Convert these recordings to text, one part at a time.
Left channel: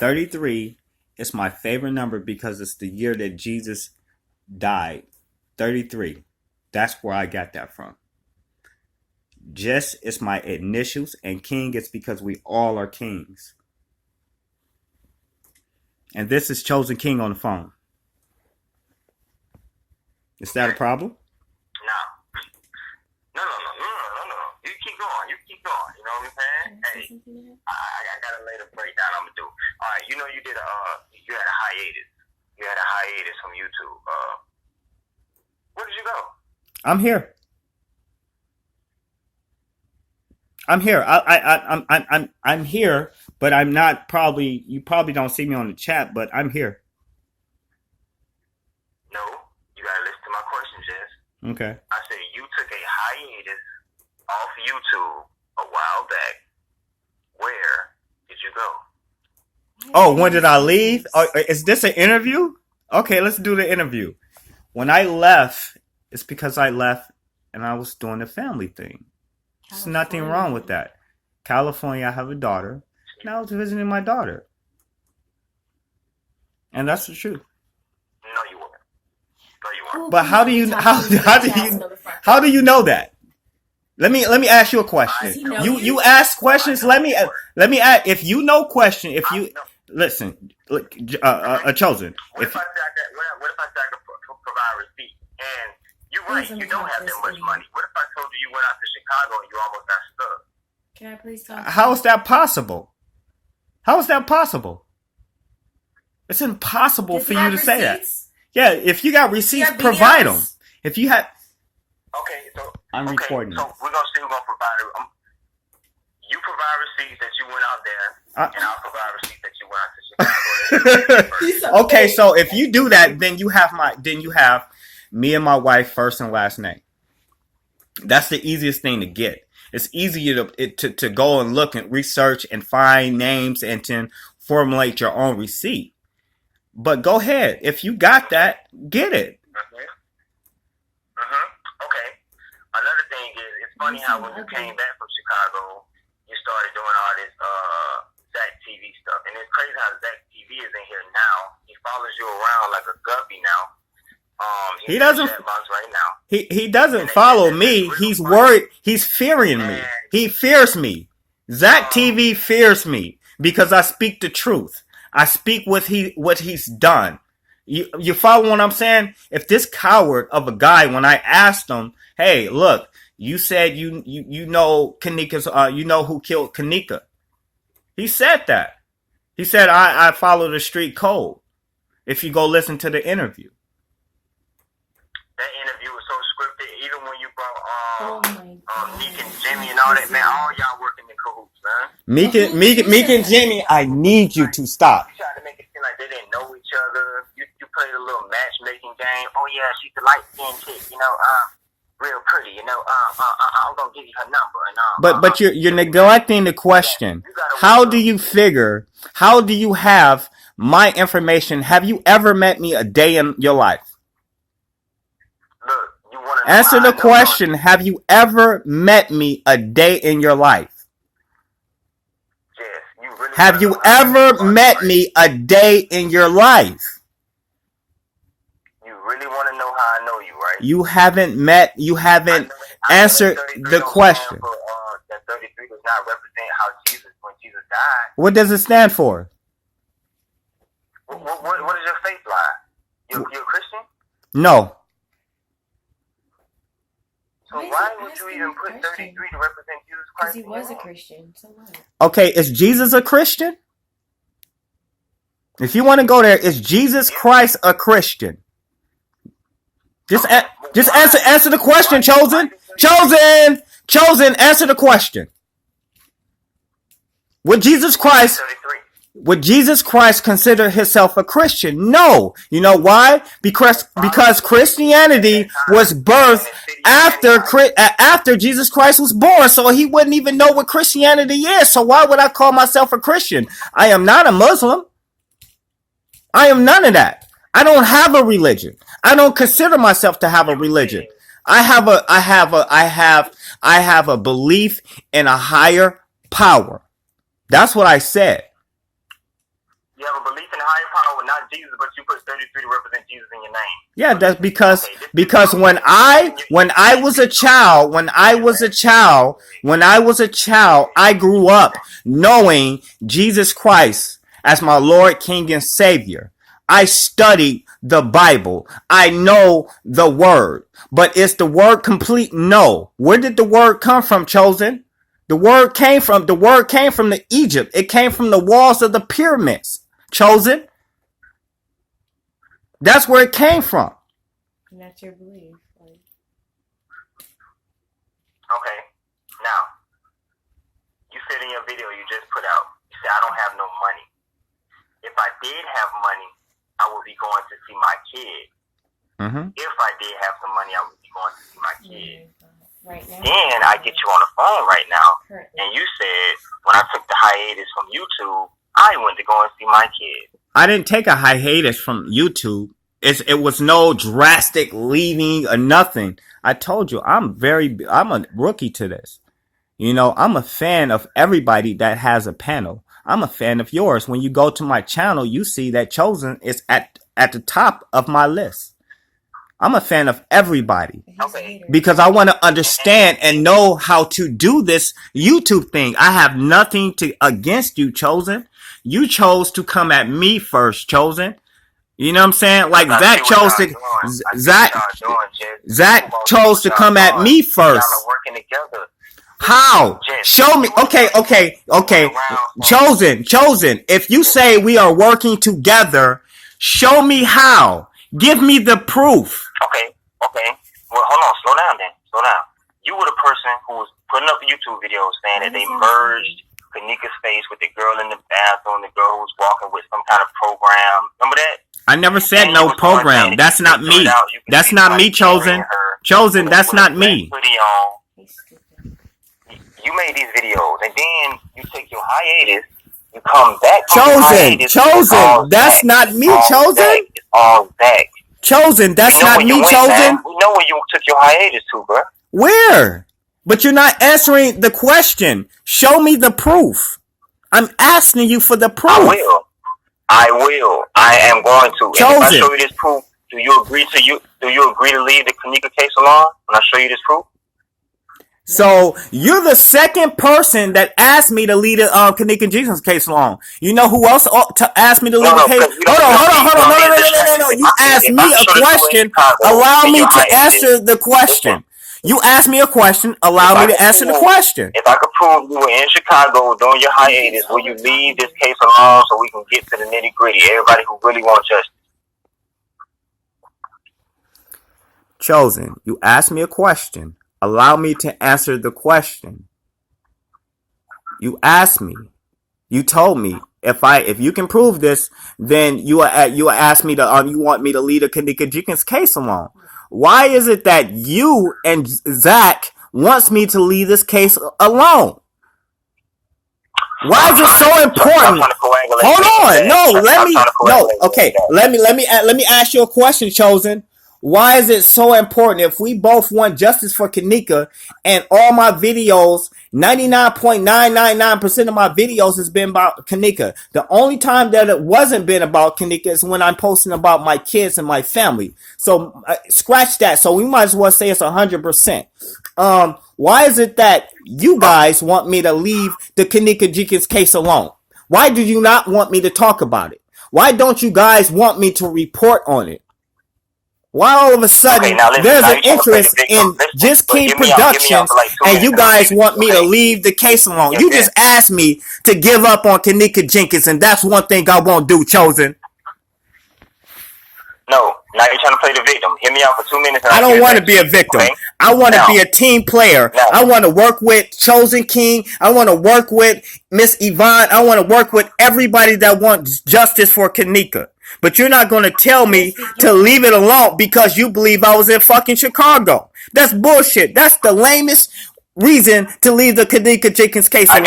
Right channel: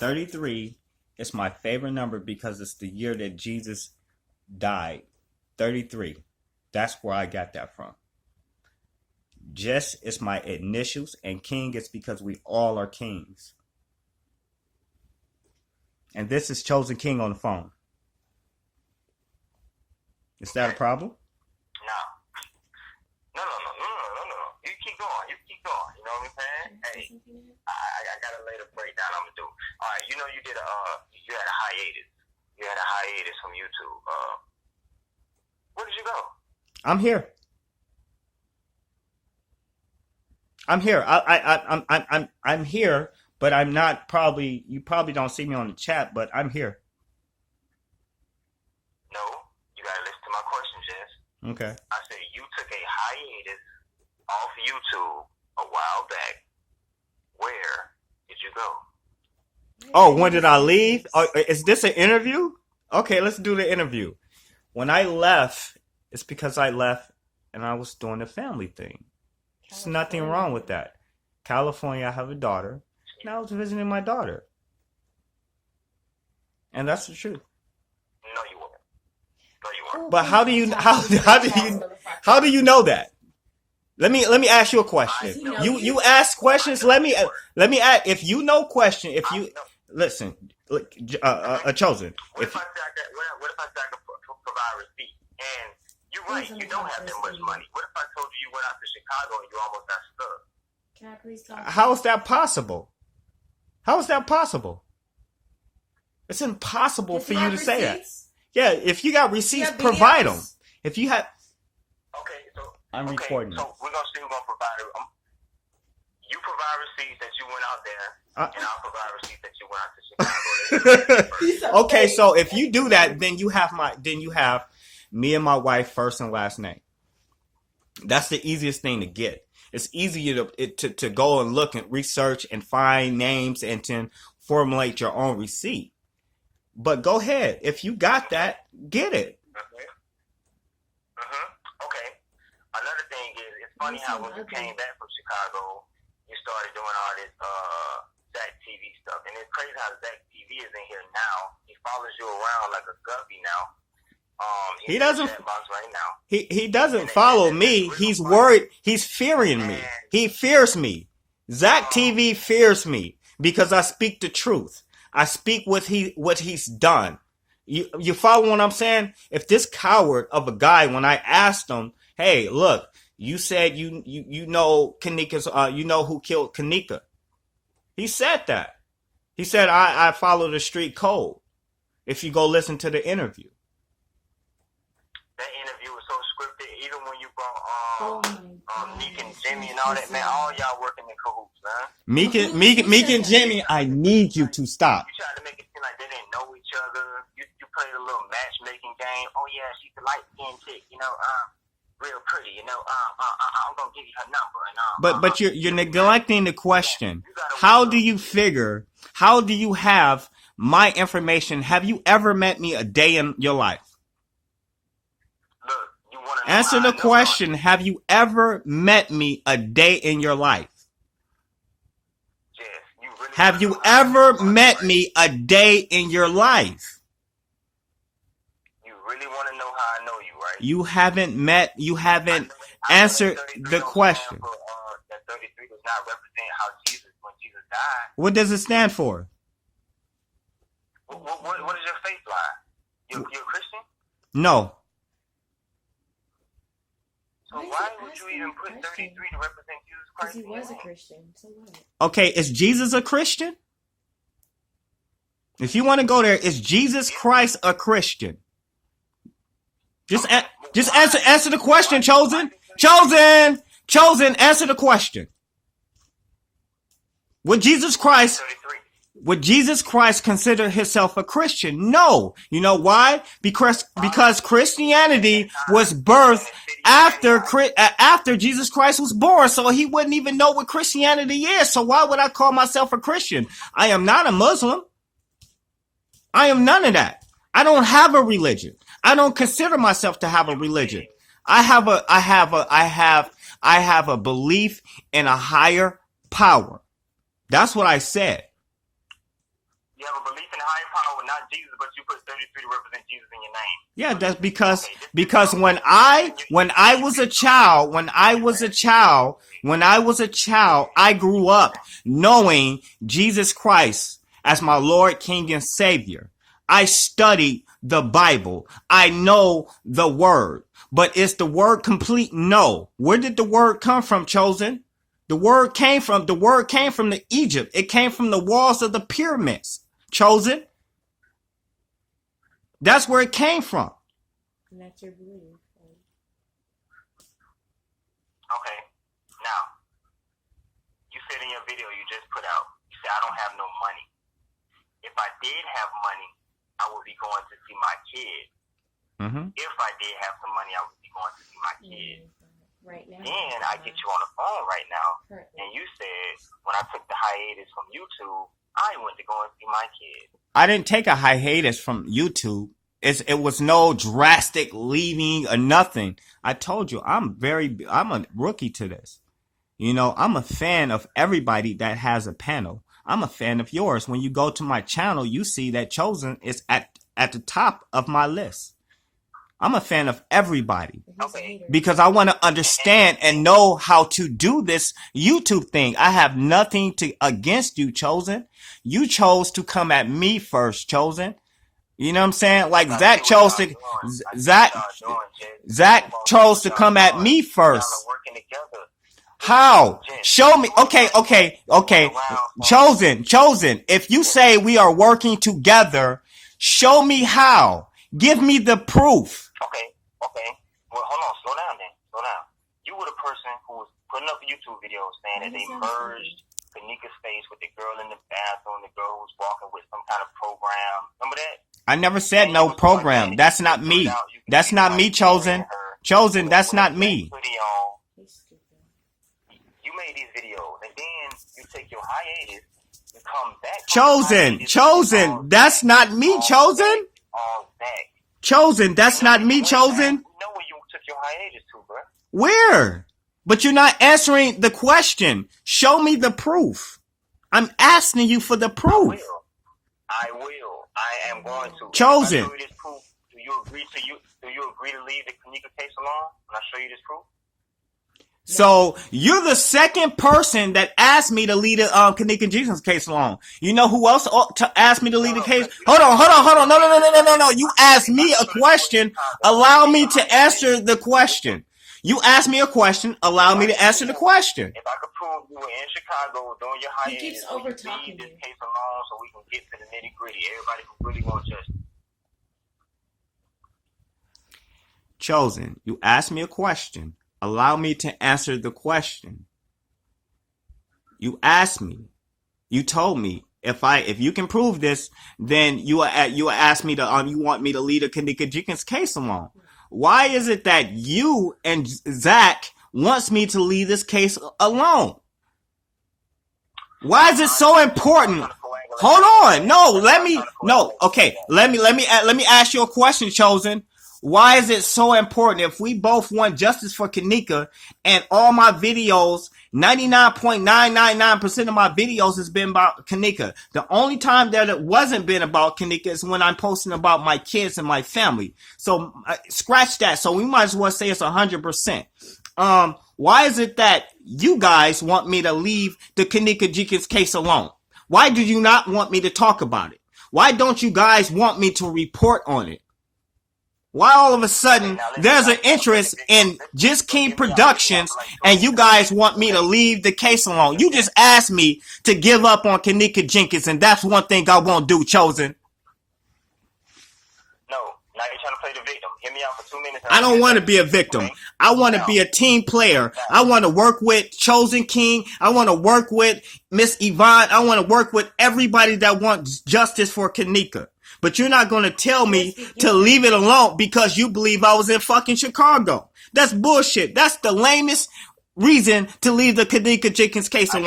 33 is my favorite number because it's the year that Jesus died. 33. That's where I got that from. Jess is my initials, and King is because we all are kings. And this is Chosen King on the phone. Is that a problem? No. No. You keep going. You know what I'm saying? Hey, I gotta lay the breakdown. I'm gonna do. All right, you know you had a hiatus. You had a hiatus from YouTube. Where did you go? I'm here. I'm here, but I'm not probably. You probably don't see me on the chat, but I'm here. No, you gotta listen to my question, Jess. Okay. I said you took a hiatus off YouTube a while back. Where did you go? Oh, when did I leave? Is this an interview? Okay, let's do the interview. When I left, it's because I left and I was doing the family thing. There's nothing wrong with that. California, I have a daughter, and I was visiting my daughter. And that's the truth. No, you weren't. But how do you know that? Let me ask you a question. You ask questions. Let me ask. If you know question, if you listen, Chosen. What if I provide receipt? And you're right, you don't have that much money. What if I told you went out to Chicago and you almost got stuck? Can I please talk? How is that possible? How is that possible? It's impossible for you to say that. Yeah, if you got receipts, provide them. If you have. Okay, so I'm recording. So we're gonna see who's gonna provide. You provide receipts that you went out there, and I'll provide receipts that you went out to Chicago. Okay, so if you do that, then you have me and my wife first and last name. That's the easiest thing to get. It's easier to go and look and research and find names and to formulate your own receipt. But go ahead. If you got that, get it. Okay. Another thing is, it's funny how when you came back from Chicago, you started doing all this Zach TV stuff. And it's crazy how Zach TV is in here now. He follows you around like a guppy now. He doesn't. Right now. He doesn't follow me. He's worried. He's fearing me. He fears me. Zach TV fears me because I speak the truth. I speak what he's done. You follow what I'm saying? If this coward of a guy, when I asked him, hey, look, you said you know Kenneka's, you know who killed Kenneka. He said that. He said I follow the street code. If you go listen to the interview. That interview was so scripted. Even when you brought Meek and Jimmy and all that, man, all y'all working in cahoots, man. Meek and Jimmy, I need you to stop. You tried to make it seem like they didn't know each other. You played a little matchmaking game. Oh yeah, she's the light skinned chick, real pretty, I'm gonna give you her number and But you're neglecting the question. How do you have my information? Have you ever met me a day in your life? Answer the question. Have you ever met me a day in your life? Yes, you really have you ever met me a day in your life? You really want to know how I know you, right? You haven't answered the question. That 33 does not represent how when Jesus died. What does it stand for? What is your faith line? You're a Christian? No. So why would you even put 33 to represent Jesus Christ? He was a Christian. So what? Okay, is Jesus a Christian? If you want to go there, is Jesus Christ a Christian? Just answer the question, Chosen. Answer the question. Would Jesus Christ consider himself a Christian? No. You know why? Because Christianity was birthed after Jesus Christ was born, so he wouldn't even know what Christianity is. So why would I call myself a Christian? I am not a Muslim. I am none of that. I don't have a religion. I don't consider myself to have a religion. I have a belief in a higher power. That's what I said. belief in a higher power, not Jesus, but you put 33 to represent Jesus in your name. Yeah, that's because when I was a child, I grew up knowing Jesus Christ as my Lord, King, and Savior. I studied the Bible. I know the word. But is the word complete? No. Where did the word come from, Chosen? The word came from the Egypt. It came from the walls of the pyramids, Chosen. That's where it came from. That's your belief. Okay. Now, you said in your video you just put out, you said, I don't have no money. If I did have money, I would be going to see my kid. Mm-hmm. If I did have some money, I would be going to see my kid. Right now. Then I get you on the phone right now, Currently. and you said, when I took the hiatus from YouTube, I went to go and see my kid. I didn't take a hiatus from YouTube. It was no drastic leaving or nothing. I told you, I'm a rookie to this. You know, I'm a fan of everybody that has a panel. I'm a fan of yours. When you go to my channel, you see that Chosen is at the top of my list. I'm a fan of everybody. Okay. Because I want to understand and know how to do this YouTube thing. I have nothing against you, Chosen. You chose to come at me first, Chosen. You know what I'm saying? Like Zach chose to Zach chose to come at me first. Y'all are working together. How? Show me. Okay. Chosen. If you say we are working together, show me how. Give me the proof. Okay. Well, hold on. Slow down. You were the person who was putting up YouTube videos saying that they merged Kenneka's face with the girl in the bathroom, the girl who was walking with some kind of program. Remember that? I never said no program. That's not me. That's not me, Chosen. Chosen, that's not me. You made these videos, and then you take your hiatus. You come back. Chosen. That's not me, Chosen. It's all back. Chosen, that's not me, Chosen. We know where you took your hiatus to, bro. Where? But you're not answering the question. Show me the proof. I'm asking you for the proof. I will. I am going to. Chosen. And if I show you this proof, do you agree to leave the Kenneka case alone when I show you this proof? So you're the second person that asked me to leave the Kenneka Jenkins case alone. You know who else asked me to leave the case? Hold on. No. You asked me a question. Allow me to answer the question. You asked me a question. Allow me to answer the question. If I could prove you were in Chicago during your hiatus, will you leave this case alone so we can get to the nitty gritty? Everybody who really wants justice. Chosen. You asked me a question. Allow me to answer the question. You asked me. You told me if you can prove this, then you ask me to you want me to leave the Kenneka Jenkins case alone. Why is it that you and Zach wants me to leave this case alone? Why is it so important? Hold on. Let me ask you a question, Chosen. Why is it so important if we both want justice for Kenneka and all my videos, 99.999% of my videos has been about Kenneka. The only time that it wasn't been about Kenneka is when I'm posting about my kids and my family. So scratch that. So we might as well say it's 100%. Why is it that you guys want me to leave the Kenneka Jenkins case alone? Why do you not want me to talk about it? Why don't you guys want me to report on it? Why all of a sudden there's an interest in Just King Productions and you guys want me to leave the case alone? You just asked me to give up on Kenneka Jenkins, and that's one thing I won't do, Chosen. No, now you're trying to play the victim. Hear me out for 2 minutes. I don't want to be a victim. Okay? I want to be a team player. I want to work with Chosen King. I want to work with Miss Yvonne. I want to work with everybody that wants justice for Kenneka. But you're not going to tell me to leave it alone because you believe I was in fucking Chicago. That's bullshit. That's the lamest reason to leave the Kenneka Jenkins case alone.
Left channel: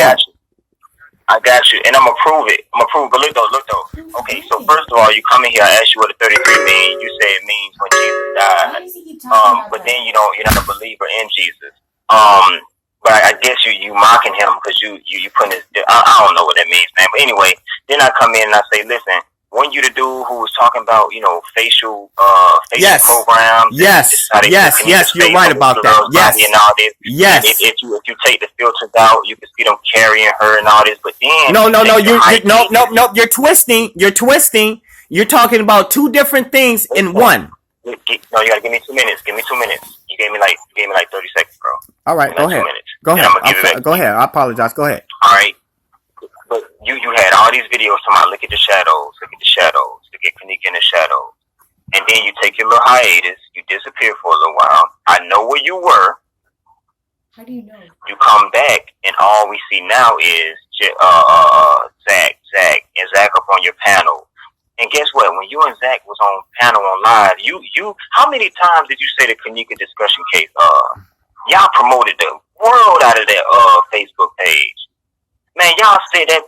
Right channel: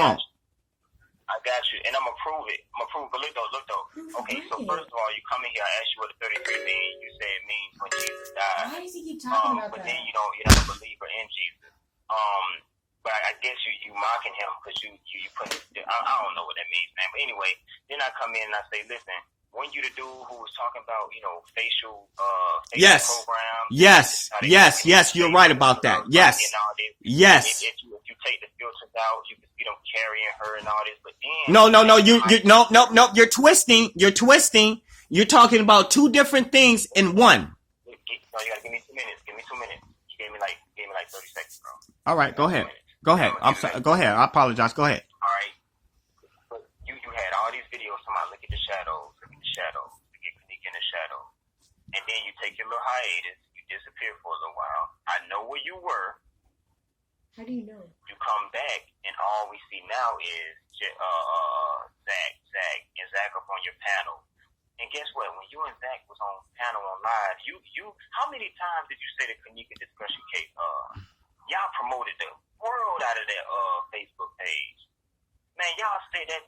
I got you. And I'm going to prove it. But look though. Okay, so first of all, you come in here, I asked you what the 33 means. You say it means when Jesus died. But then you're not a believer in Jesus. But I guess you mocking him because you putting his, I don't know what that means, man. But anyway, then I come in and I say, listen, Weren't you the dude who was talking about, facial Yes. programs? Yes. You're right about that. Yes. And all this. Yes. If you take the filters out, you can see them carrying her and all this. But then you're twisting. You're talking about two different things in one. No, you gotta give me 2 minutes. Give me 2 minutes. You gave me like 30 seconds, bro. All right, go ahead. 2 minutes. Go ahead. I'm gonna give it back. Go ahead. I apologize. Go ahead. All right. But you had all these videos talking about look at the shadows, look at Kenneka in the shadows. And then you take your little hiatus, you disappear for a little while. I know where you were. How do you know? You come back and all we see now is Zach and Zach up on your panel. And guess what? When you and Zach was on panel on live, you how many times did you say the Kenneka discussion case? Y'all promoted the world out of that Facebook page. Man, y'all said that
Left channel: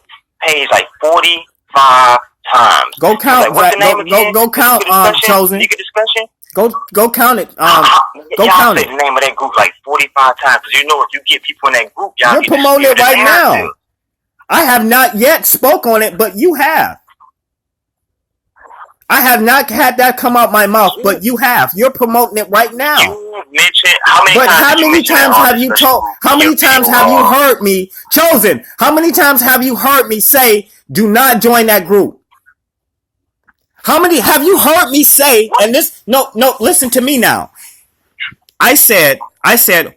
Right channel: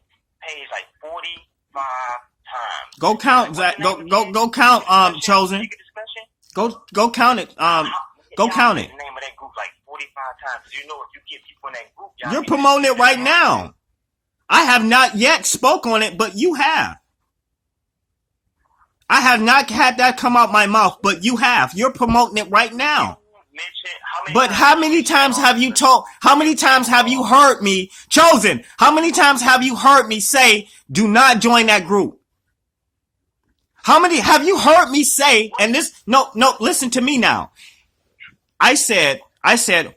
page like 45 times. Go count. Like, what's the name again? Go count. Chosen. Kenneka discussion. Go count it. Go y'all count said it. the name of that group like 45 times. Because if you get people in that group, y'all You're get promoting it right now. I have not yet spoke on it, but you have. I have not had that come out my mouth, but you have. You're promoting it right now. You mentioned how many times? How many times have you told? How many times have you heard me, Chosen? How many times have you heard me say, "Do not join that group"? How many have you heard me say? And this, no, listen to me now. I said,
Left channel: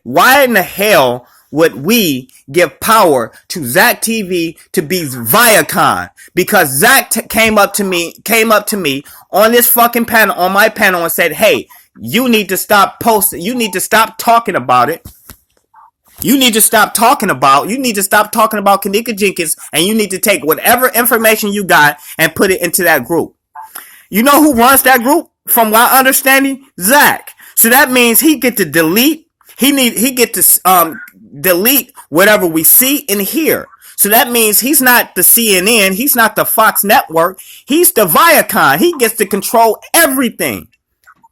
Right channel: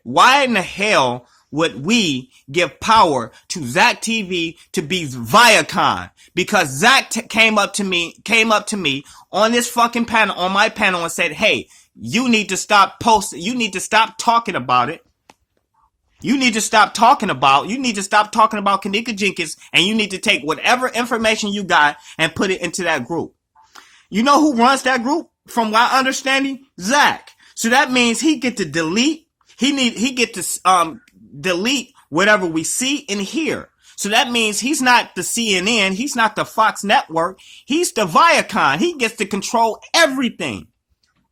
why in the hell would we give power to Zach TV to be Viacom? Because Zach came up to me on this fucking panel, on my panel, and said, "Hey, you need to stop posting. You need to stop talking about it. You need to stop talking about Kenneka Jenkins, and you need to take whatever information you got and put it into that group." You know who runs that group? From my understanding, Zach. So that means he get to delete. He get to delete whatever we see and hear. So that means he's not the CNN. He's not the Fox Network. He's the Viacom. He gets to control everything.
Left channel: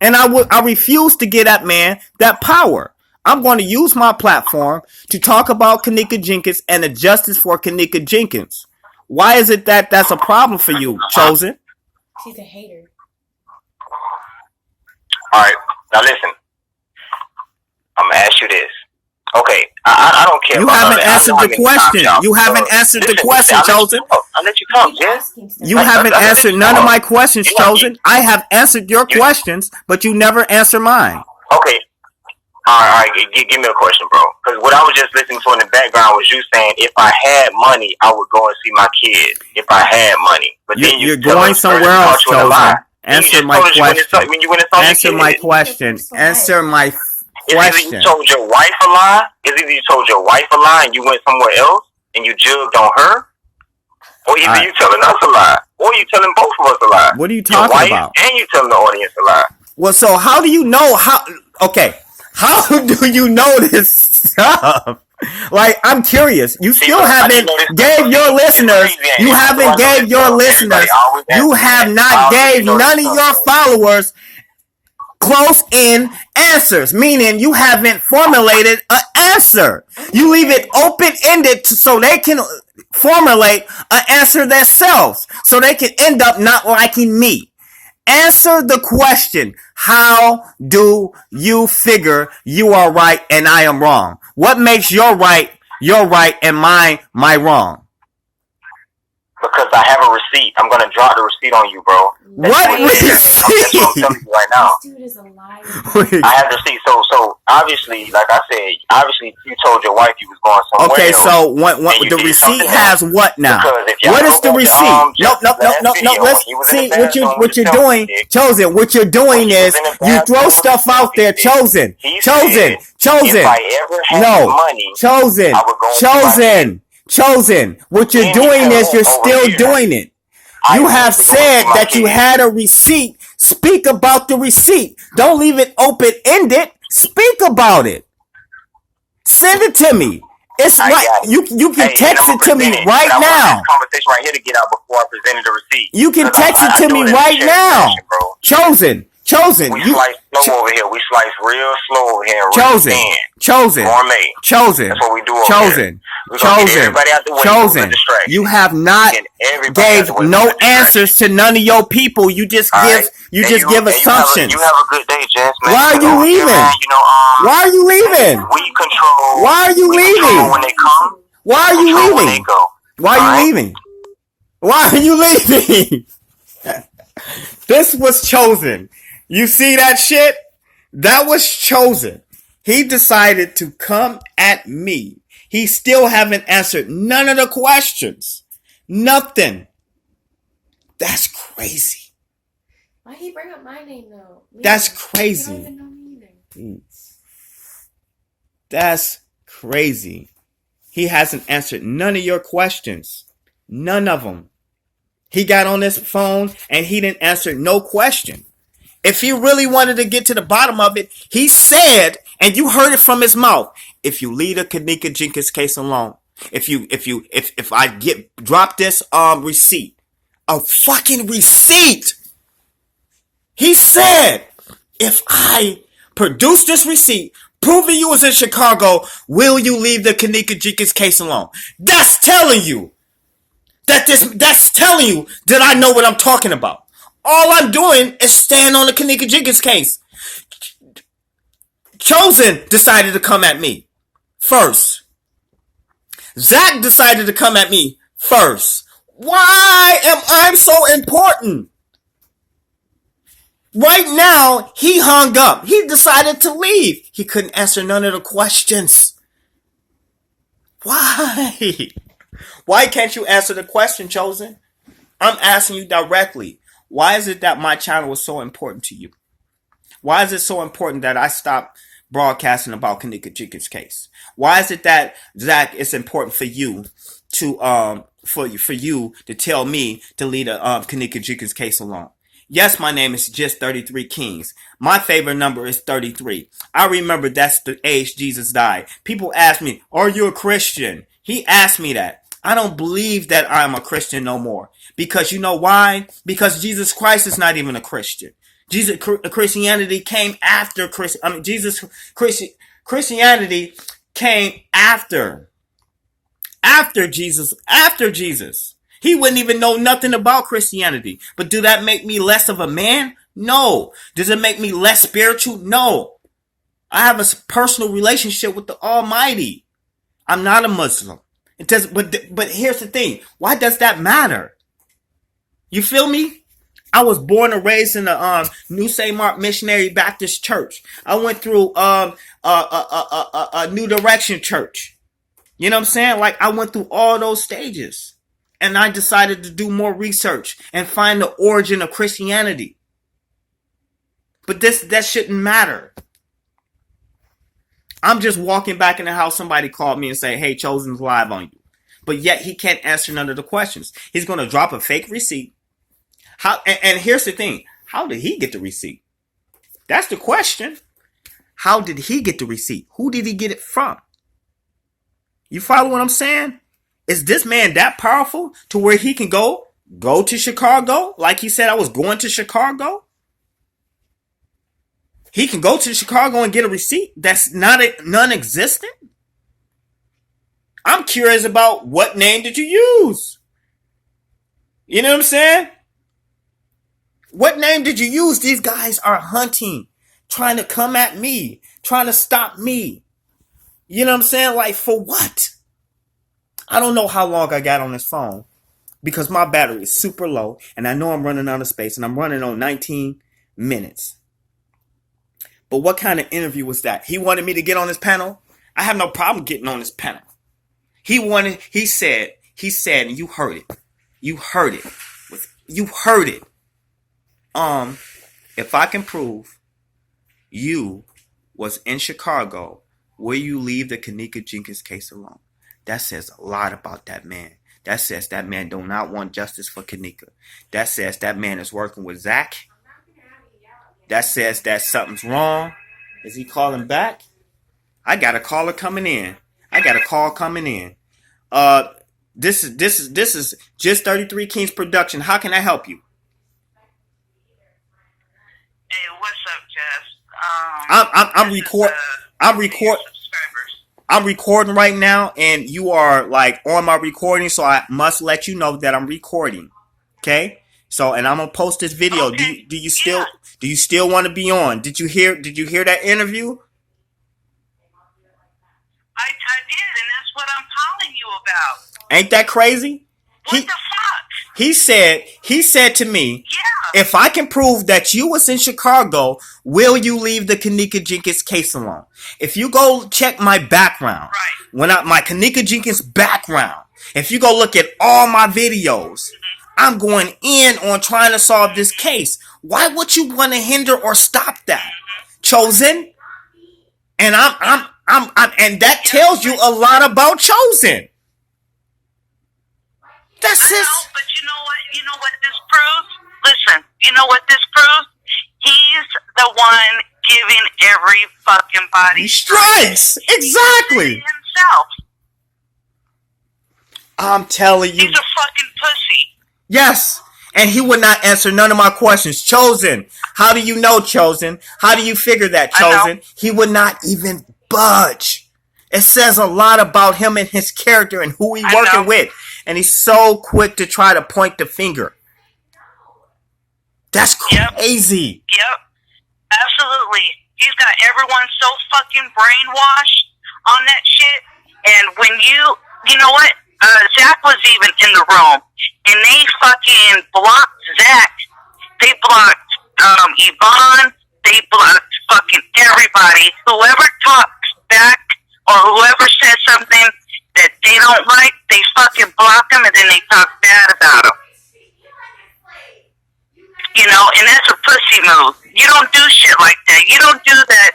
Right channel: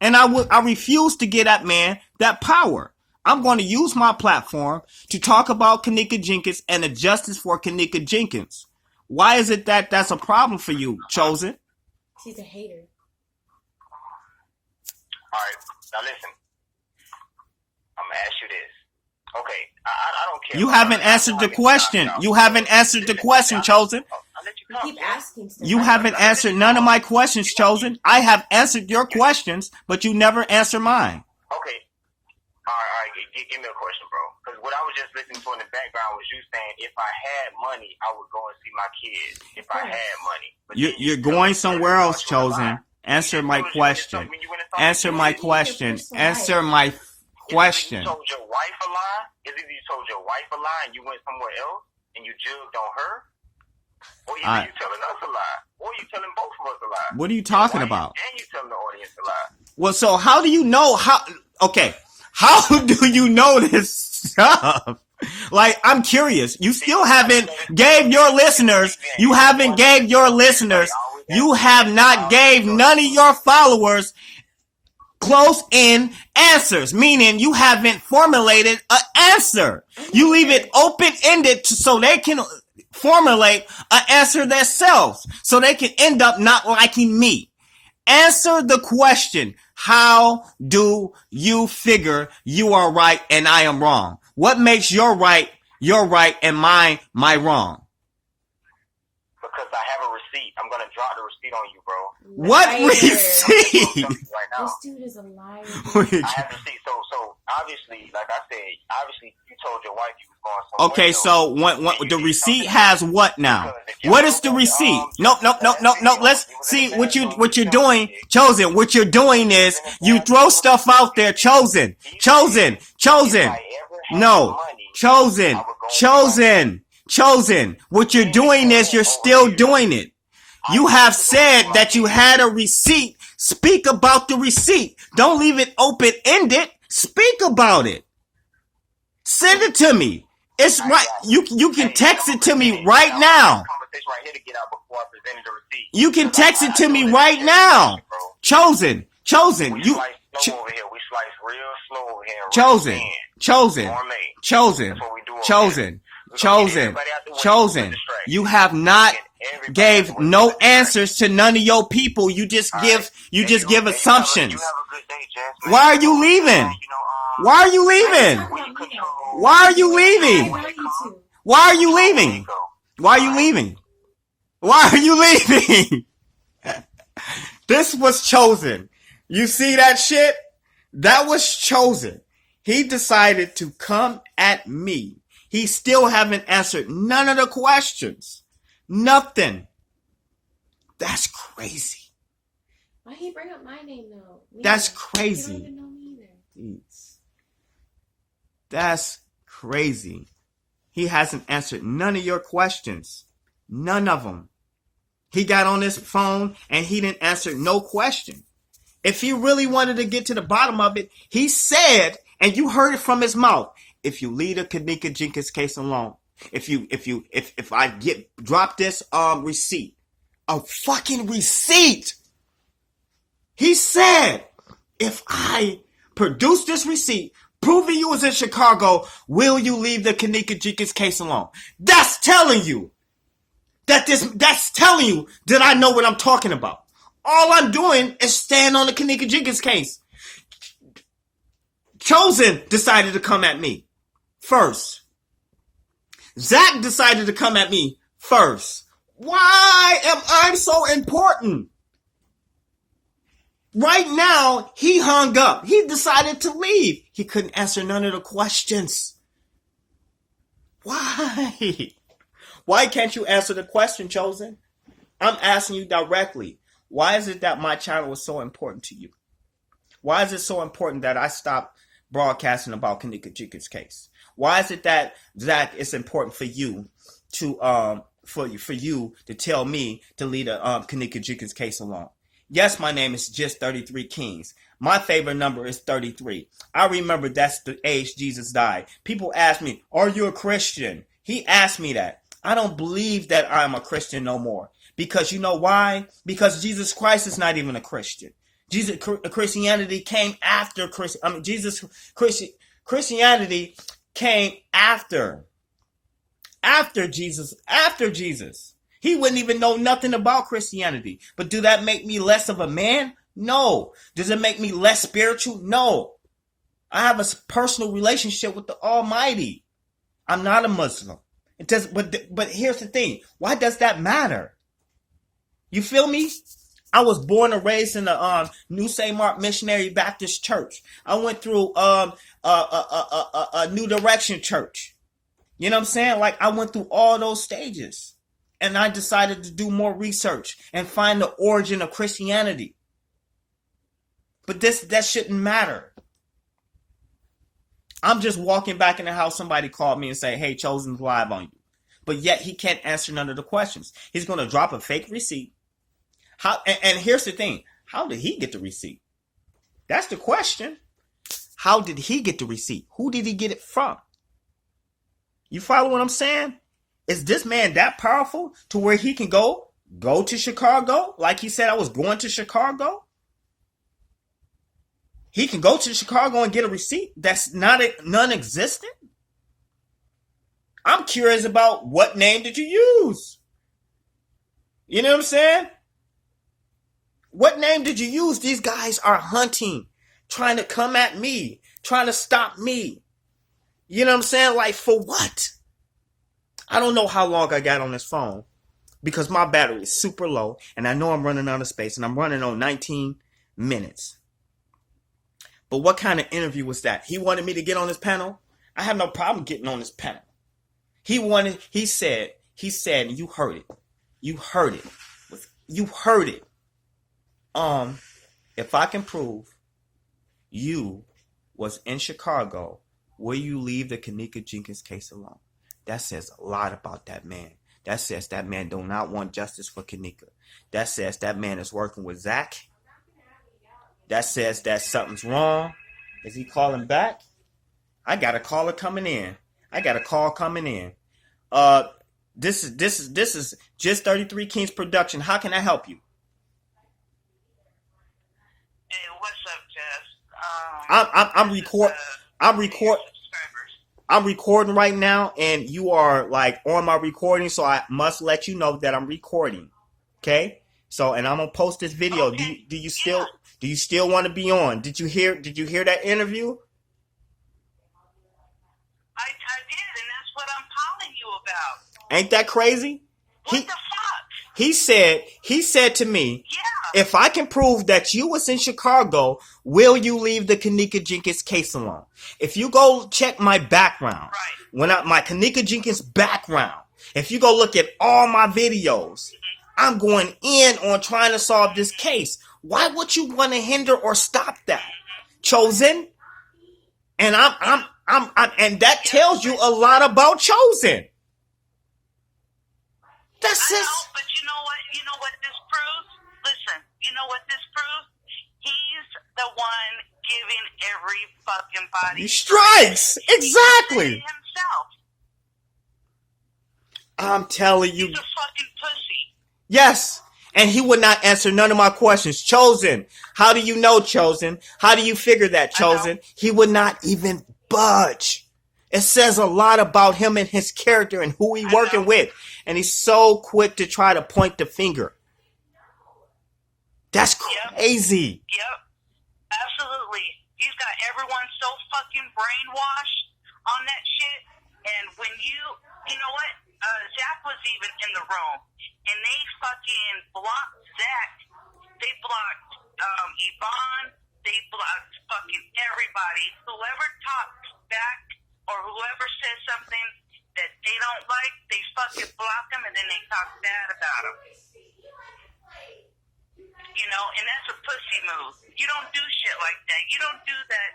And I refuse to give that man that power. I'm going to use my platform to talk about Kenneka Jenkins and the justice for Kenneka Jenkins. Why is it that that's a problem for you, Chosen? She's a hater. All right, now listen. I'm gonna ask you this. Okay, I don't care. You haven't answered the question. You haven't answered the question, Chosen. I'll let you talk, Jess. You haven't answered none of my questions, Chosen. I have answered your questions, but you never answer mine. Okay. All right. Give me a question, bro. Because what I was just listening to in the background was you saying, if I had money, I would go and see my kids. If I had money. But then you're going somewhere else, Chosen. Answer my question. Answer my question. Answer my question. Either you told your wife a lie, and you went somewhere else and you jugged on her, or either you telling us a lie, or you telling both of us a lie. What are you talking about? And you telling the audience a lie. Well, so how do you know how do you know this stuff? Like, I'm curious. You still haven't gave your listeners. You haven't gave your listeners. You have not gave none of your followers close in answers, meaning you haven't formulated an answer. You leave it open-ended so they can formulate an answer themselves, so they can end up not liking me. Answer the question. How do you figure you are right and I am wrong? What makes your right and my wrong? Because I have a receipt. I'm going to drop the receipt on you, bro. What receipt? That's what I'm telling you right now. This dude is a liar. I have the receipt. So obviously, like I said, you told your wife you was going somewhere. Okay, else, so the receipt has what now? What is the receipt? No. Let's see what you're doing, Chosen. What you're doing is you throw stuff out there, Chosen. Chosen. If I ever had money, Chosen. What you're doing is you're still doing it. You have said that you had a receipt. Speak about the receipt. Don't leave it open-ended. Speak about it. Send it to me. It's right. You can text it to me right now. Conversation right here to get out before I presented the receipt. You can text it to me right now. Chosen. Chosen. We slice slow over here. We slice real slow over here. Chosen. Chosen. Gourmet. Chosen. That's what we do over here. We're going to get everybody out the way. Chosen. You have not gave no answers to none of your people. You just give assumptions. You have a good day, Jess, man. Why are you leaving? Why are you leaving? We control. Why are you leaving? Control when they come. Why are you leaving? When they go. Why are you leaving? Why are you leaving? This was chosen. You see that shit? That was chosen. He decided to come at me. He still haven't answered none of the questions. Nothing. That's crazy. Why he bring up my name though? That's crazy. You don't even know me either. That's crazy. He hasn't answered none of your questions. None of them. He got on his phone and he didn't answer no question. If he really wanted to get to the bottom of it, he said, and you heard it from his mouth, if you leave the Kenneka Jenkins case alone, if I drop this receipt, a fucking receipt. He said, if I produce this receipt, proving you was in Chicago, will you leave the Kenneka Jenkins case alone? That's telling you that's telling you that I know what I'm talking about. All I'm doing is stand on the Kenneka Jenkins case. Chosen decided to come at me first. Zach decided to come at me first. Why am I so important? Right now, he hung up. He decided to leave. He couldn't answer none of the questions. Why? Why can't you answer the question, Chosen? I'm asking you directly. Why is it that my channel is so important to you? Why is it so important that I stop broadcasting about Kenneka Jenkins' case? Why is it that, Zach, it's important for you to for you to tell me to leave the Kenneka Jenkins case alone? Yes, my name is just 33 Kings. My favorite number is 33. I remember that's the age Jesus died. People ask me, are you a Christian? He asked me that. I don't believe that I'm a Christian no more. Because you know why? Because Jesus Christ is not even a Christian. Christianity came after Christianity came after Jesus. He wouldn't even know nothing about Christianity. But do that make me less of a man? No. Does it make me less spiritual? No. I have a personal relationship with the Almighty. I'm not a Muslim. It does, but here's the thing. Why does that matter? You feel me? I was born and raised in the New St. Mark Missionary Baptist Church. I went through a New Direction Church. You know what I'm saying? Like, I went through all those stages. And I decided to do more research and find the origin of Christianity. But that shouldn't matter. I'm just walking back in the house. Somebody called me and say, hey, Chosen's live on you. But yet he can't answer none of the questions. He's going to drop a fake receipt. And here's the thing. How did he get the receipt? That's the question. How did he get the receipt? Who did he get it from? You follow what I'm saying? Is this man that powerful to where he can go to Chicago? Like he said, I was going to Chicago. He can go to Chicago and get a receipt that's non-existent? I'm curious about what name did you use? You know what I'm saying? What name did you use? These guys are hunting, trying to come at me, trying to stop me. You know what I'm saying? Like, for what? I don't know how long I got on this phone because my battery is super low and I know I'm running out of space and I'm running on 19 minutes. But what kind of interview was that? He wanted me to get on his panel? I have no problem getting on his panel. He said, and you heard it. You heard it. If I can prove you was in Chicago, will you leave the Kenneka Jenkins case alone? That says a lot about that man. That says that man do not want justice for Kenneka. That says that man is working with Zach. That says that something's wrong. Is he calling back? I got a caller coming in. This is just 33 Kings production. How can I help you? Hey, what's up, Jess? I'm recording right now, and you are like on my recording, so I must let you know that I'm recording. Okay? So, and I'm gonna post this video. Okay. Do you still want to be on? Did you hear that interview? I did, and that's what I'm calling you about. Ain't that crazy? What the fuck? He said to me, Yeah. if I can prove that you was in Chicago, will you leave the Kenneka Jenkins case alone? If you go check my background, my Kenneka Jenkins background, if you go look at all my videos, I'm going in on trying to solve this case. Why would you want to hinder or stop that? Chosen? And and that tells you a lot about Chosen. That's it. But you know what? You know what this proves? Listen, you know what this proves? He's the one giving every fucking body stress. Exactly. Himself. I'm telling you. He's a fucking pussy. Yes. And he would not answer none of my questions. Chosen. How do you know, Chosen? How do you figure that, Chosen? He would not even budge. It says a lot about him and his character and who he's working with. And he's so quick to try to point the finger. That's crazy. Yep. Absolutely. He's got everyone so fucking brainwashed on that shit. And when you know what? Zach was even in the room. And they fucking blocked Zach. They blocked Yvonne. They blocked fucking everybody. Whoever talks back or whoever says something that they don't like, they fucking block them and then they talk bad about them. You know, and that's a pussy move. You don't do shit like that. You don't do that.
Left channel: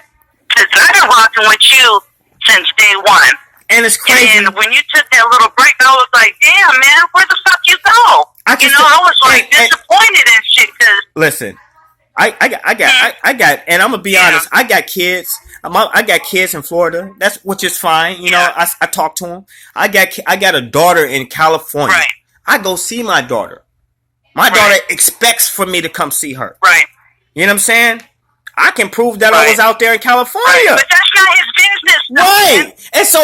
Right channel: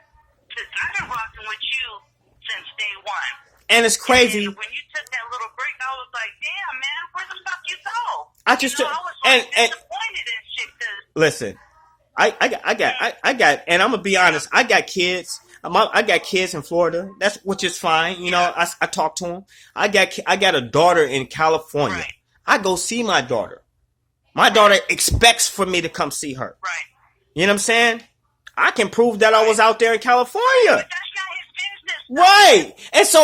Because I've been rocking with you since day one. And it's crazy. And when you took that little break, I was like, damn, man, where the fuck you go? I was like disappointed in shit. Cause listen, I got, and I'm gonna be honest. I got kids. I got kids in Florida. Which is fine. You know, I talk to them. I got a daughter in California. Right. I go see my daughter. My daughter expects for me to come see her. Right. You know what I'm saying? I can prove that I was out there in California. Right. But that's not his business, no. Right. And so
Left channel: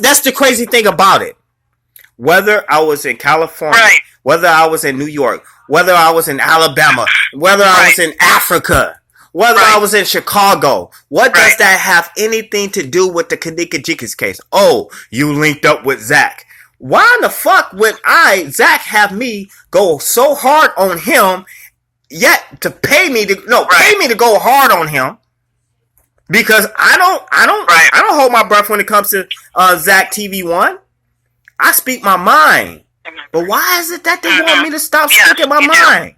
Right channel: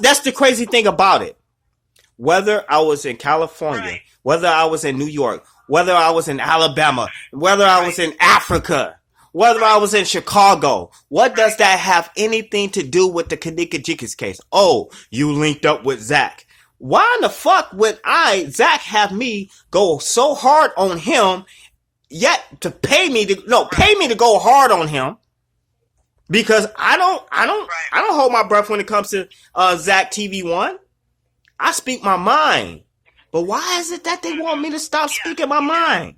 that's the crazy thing about it. Whether I was in California, whether I was in New York, whether I was in Alabama, whether I was in Africa, whether I was in Chicago, what does that have anything to do with the Kenneka Jenkins case? Oh, you linked up with Zach. Why the fuck would Zach have me go so hard on him, yet to pay me to go hard on him? Because I don't hold my breath when it comes to Zach TV1. I speak my mind. But why is it that they want me to stop speaking my mind?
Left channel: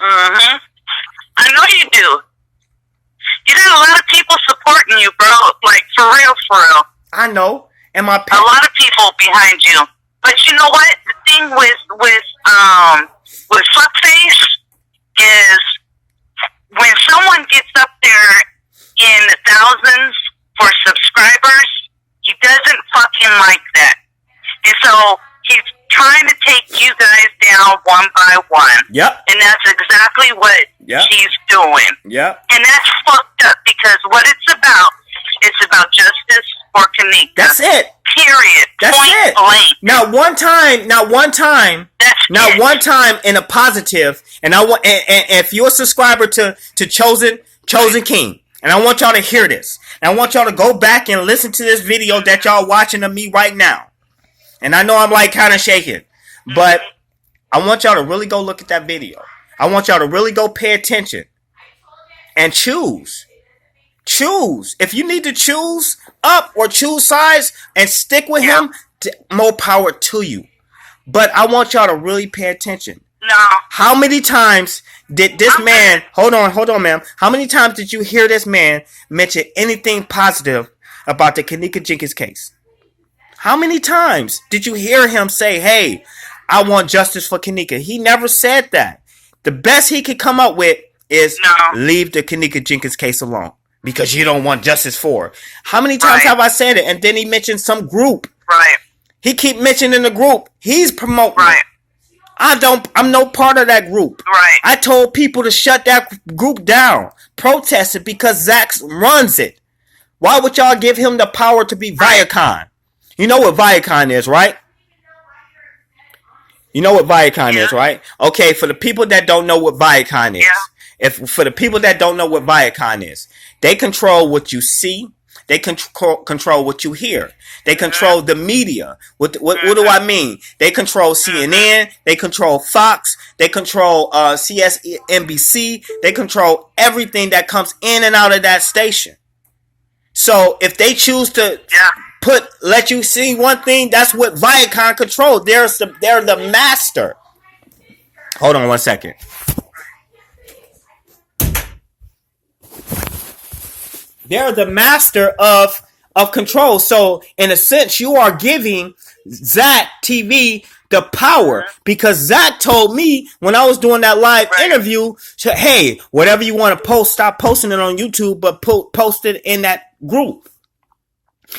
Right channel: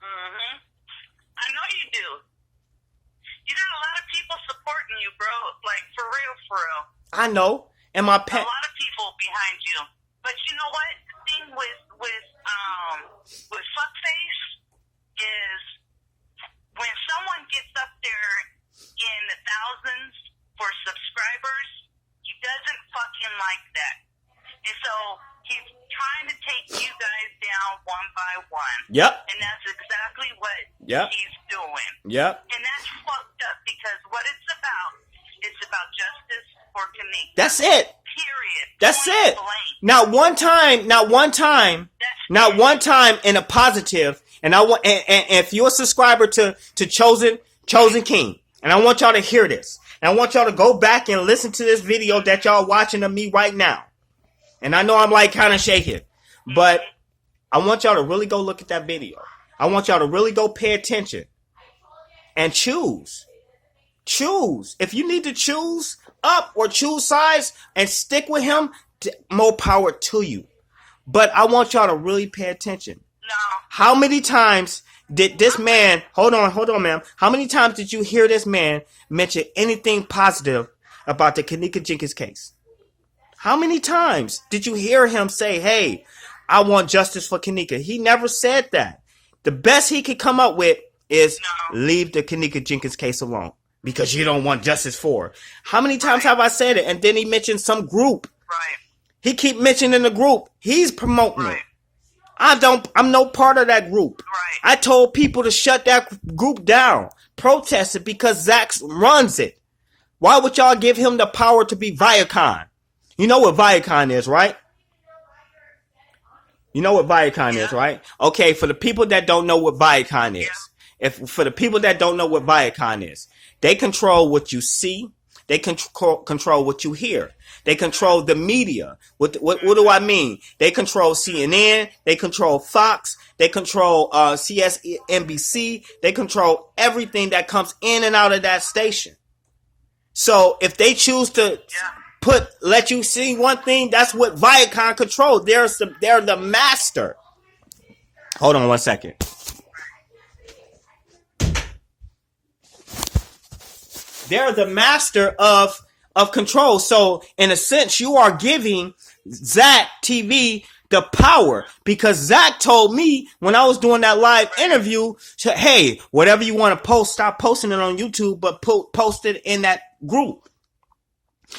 I know you do. You got a lot of people supporting you, bro. Like, for real, for real. I know. And a lot of people behind you. But you know what? The thing with Fuckface is when someone gets up there in the thousands for subscribers, he doesn't fucking like that. And so he's trying to take you guys down one by one. Yep. And that's exactly what he's doing. Yep. And that's fucked up because what it's about justice for Kenneka. That's it. Period. That's Point it. blank. Now one time in a positive, and I want, and if you're a subscriber to Chosen King, and I want y'all to hear this, and I want y'all to go back and listen to this video that y'all watching of me right now. And I know I'm like kind of shaking, but I want y'all to really go look at that video. I want y'all to really go pay attention and choose. If you need to choose up or choose sides and stick with him, more power to you. But I want y'all to really pay attention. No. How many times did this man... Hold on, ma'am. How many times did you hear this man mention anything positive about the Kenneka Jenkins case? How many times did you hear him say, hey, I want justice for Kenneka? He never said that. The best he could come up with is leave the Kenneka Jenkins case alone. Because you don't want justice for her. How many times have I said it? And then he mentioned some group. Right. He keep mentioning the group. He's promoting. Right. I'm no part of that group. Right. I told people to shut that group down, protest it because Zach runs it. Why would y'all give him the power to be Viacom? You know what Viacom is, right? You know what Viacom is, right? Okay, for the people that don't know what Viacom is, for the people that don't know what Viacom is, they control what you see. They control what you hear. They control the media. What do I mean? They control CNN. They control Fox. They control CSNBC. They control everything that comes in and out of that station. So if they choose to let you see one thing, that's what Viacom control. They're the master. Hold on 1 second. They're the master of control. So in a sense, you are giving Zach TV the power, because Zach told me when I was doing that live interview, hey, whatever you want to post, stop posting it on YouTube, but post it in that group.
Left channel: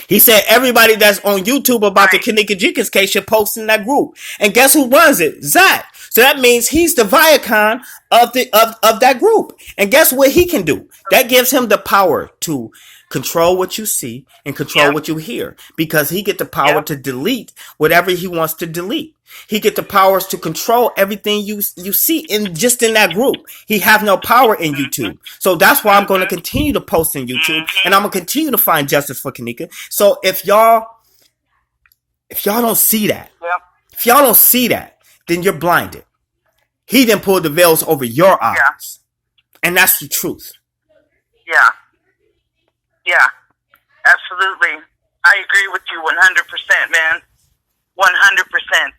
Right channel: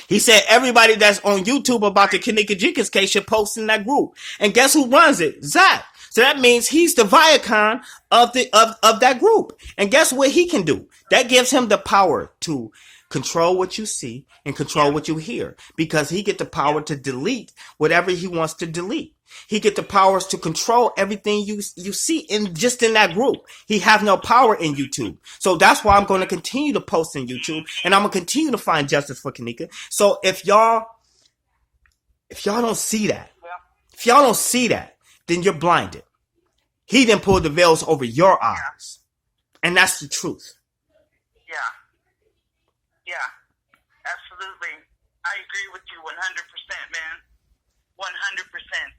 He said everybody that's on YouTube about the Kenneka Jenkins case should post in that group. And guess who runs it? Zach. So that means he's the Viacom of that group. And guess what he can do? That gives him the power to control what you see and control what you hear, because he get the power to delete whatever he wants to delete. He get the powers to control everything you see in that group. He have no power in YouTube. So that's why I'm going to continue to post in YouTube, and I'm going to continue to find justice for Kenneka. So if y'all don't see that, then you're blinded. He didn't pull the veils over your eyes. And that's the truth. Yeah, absolutely. I agree with you 100%, man. 100%.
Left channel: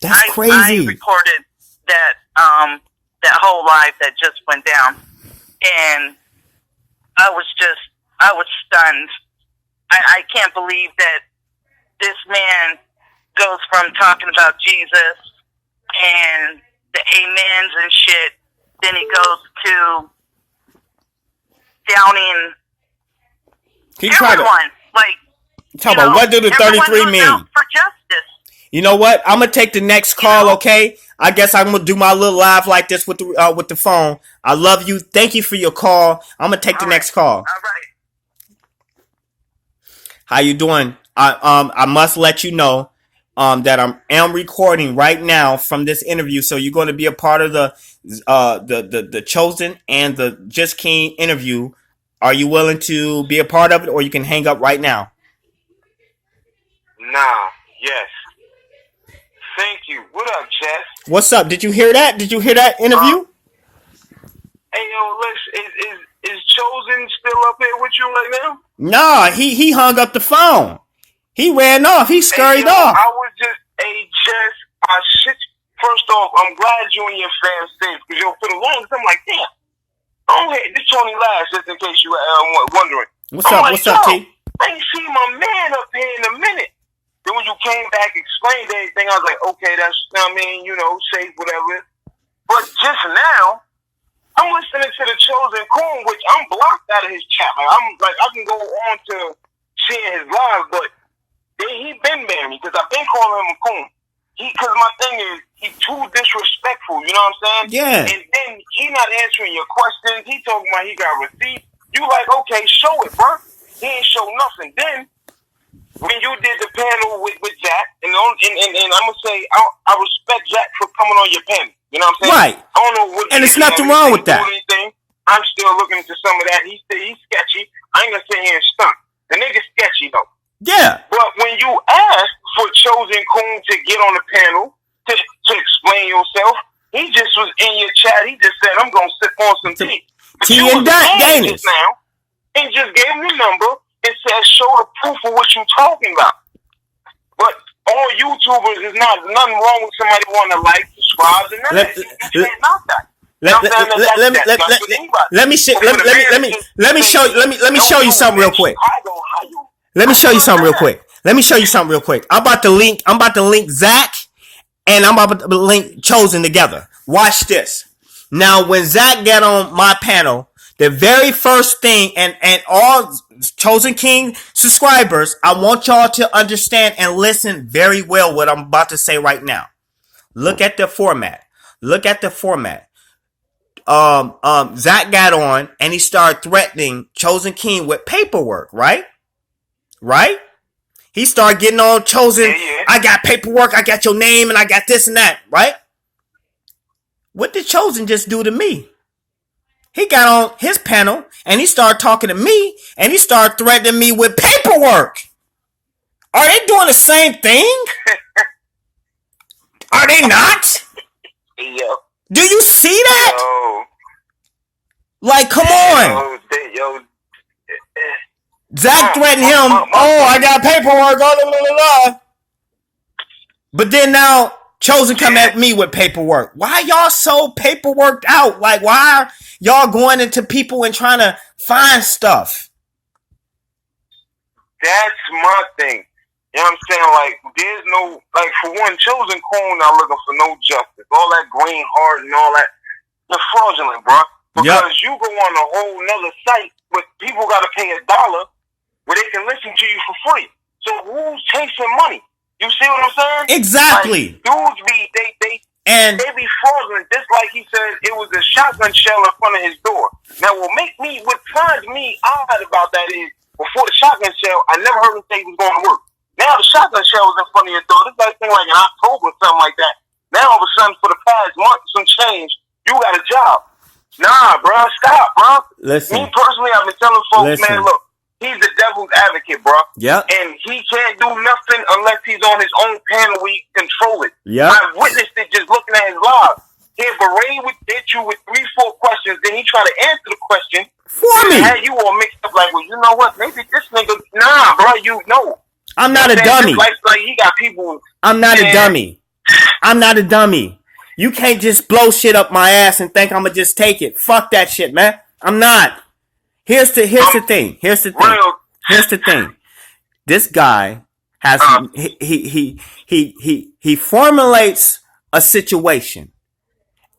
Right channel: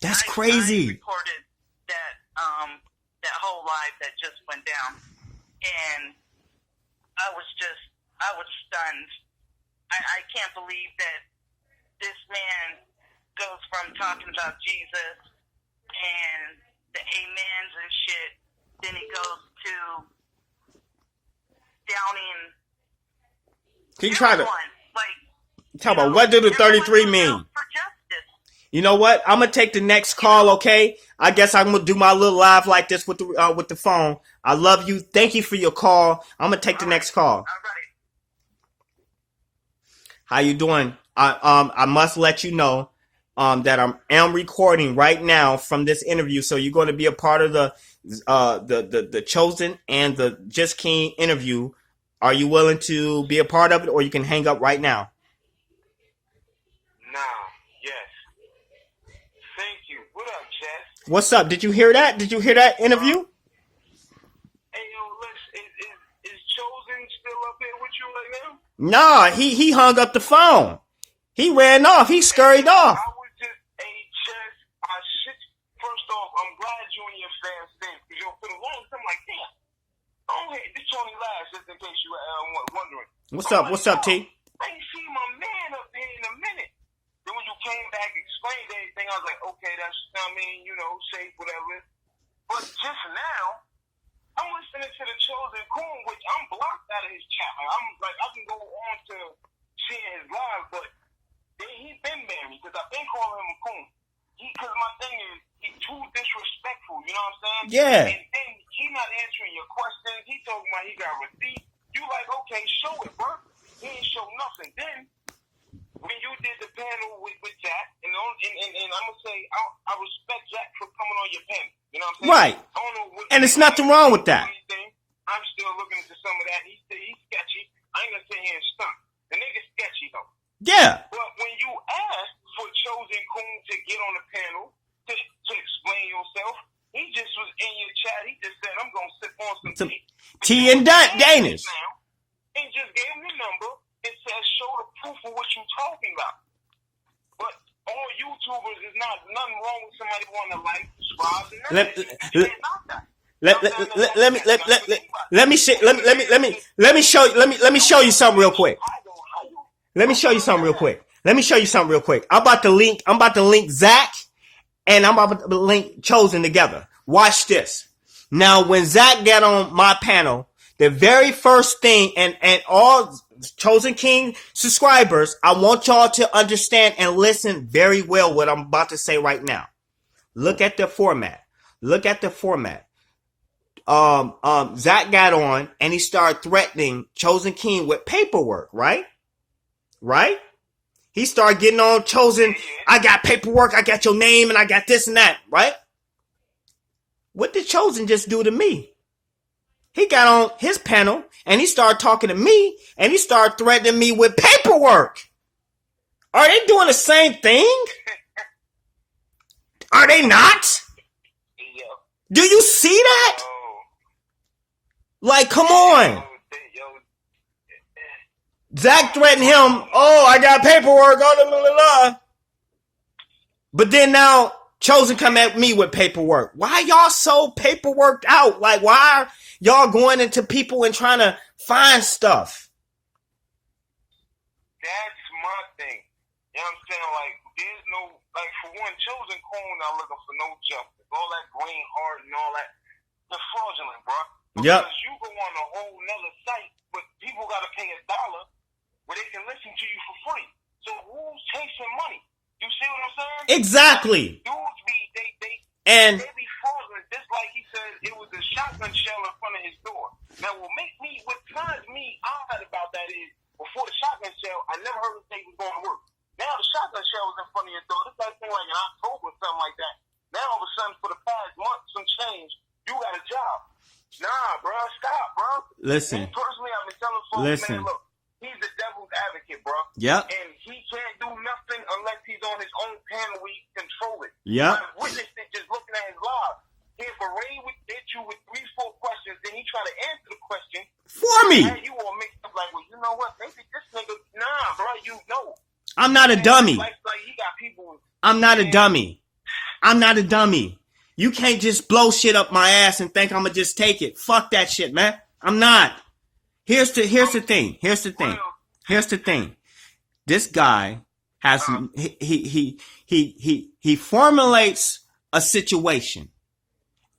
That's crazy. I recorded that whole live that just went down, and I was stunned. I can't believe that this man goes from talking about Jesus and the amens and shit, then he goes to downing everyone. What did the 33 mean? Out for justice. You know what? I'm gonna take the next call, okay? I guess I'm gonna do my little live like this with the phone. I love you. Thank you for your call. I'm gonna take the next call. All right. How you doing? I must let you know that I am recording right now from this interview, so you're going to be a part of the Chosen and the Just King interview. Are you willing to be a part of it, or you can hang up right now? Yes. Thank you. What up, Jess? What's up? Did you hear that? Did you hear that interview? Hey, yo, listen, is Chosen still up here with you right now? No, he hung up the phone. He ran off. He scurried off. I was just, Jess, first off, I'm glad you and your fam safe, because for the longest, I'm like, damn, this Tony Lash, just in case you were wondering. What's up, T? I ain't seen my man up here in a minute. Then when you came back, explained everything, I was like, okay, that's, safe, whatever. But just now, I'm listening to the Chosen Coon, which I'm blocked out of his chat. I can go on to seeing his live, but he been banning me because I've been calling him a coon. Because my thing is, he's too disrespectful, you know what I'm saying? Yeah. And then he not answering your questions. He talking about he got receipts. You like, okay, show it, bro. He ain't show nothing. Then, when you did the panel with Jack, and I'm going to say, I respect Jack for coming on your panel. You know what I'm saying? Right. I don't know what. And it's nothing wrong with that. I'm still looking into some of that. He's sketchy. I ain't going to sit here and stunt. The nigga's sketchy, though. Yeah. But when you asked for Chosen Coon to get on the panel to explain yourself, he just was in your chat. He just said, I'm going to sip on some tea. But you was mad just now and just gave him the number and said, show the proof of what you're talking about. But all YouTubers is nothing wrong with somebody wanting to like, subscribe, and none of that. You can't knock that. Let me show you something real quick. Let me show you something real quick. I'm about to link Zach and I'm about to link Chosen together. Watch this. Now, when Zach got on my panel, the very first thing, and all Chosen King subscribers, I want y'all to understand and listen very well what I'm about to say right now. Look at the format. Look at the format. Zach got on and he started threatening Chosen King with paperwork, right? Right? He started getting all Chosen. Yeah. I got paperwork, I got your name, and I got this and that, right? What did Chosen just do to me? He got on his panel and he started talking to me and he started threatening me with paperwork. Are they doing the same thing? Are they not? Yo. Do you see that? Yo. Like, come on. Yo. Zach threatened him. I got paperwork. Blah, blah, blah, blah. But then now, Chosen come at me with paperwork. Why y'all so paperworked out? Like, why are y'all going into people and trying to find stuff? That's my thing. You know what I'm saying? Like, there's no, like, for one, Chosen Coon not looking for no justice. All that green heart and all that, they're fraudulent, bro. Because you go on a whole nother site where people got to pay $1 where they can listen to you for free. So who's chasing money? You see what I'm saying? Exactly. Like, dudes be, they be fraudulent. Just like he said, it was a shotgun shell in front of his door. Now, what turns me odd about that is, before the shotgun shell, I never heard him say he was going to work. Now the shotgun shell was in front of your door. This like thing like in October or something like that. Now all of a sudden, for the past month, some change, you got a job. Nah, bro, stop, bro. Listen. Me personally, I've been telling folks, man, look, he's the devil's advocate, bro. Yep. And he can't do nothing unless he's on his own panel where he can control it. Yep. I've witnessed it just looking at his live. He'll hit you with 3-4 questions, then he try to answer the question for me. Had you all mixed up like, well, you know what? Maybe this nigga, nah, bro, you know. I'm not a dummy. Like he got people. I'm not a dummy. I'm not a dummy. You can't just blow shit up my ass and think I'm gonna just take it. Fuck that shit, man. I'm not. Here's the thing. Here's the thing. This guy has he formulates a situation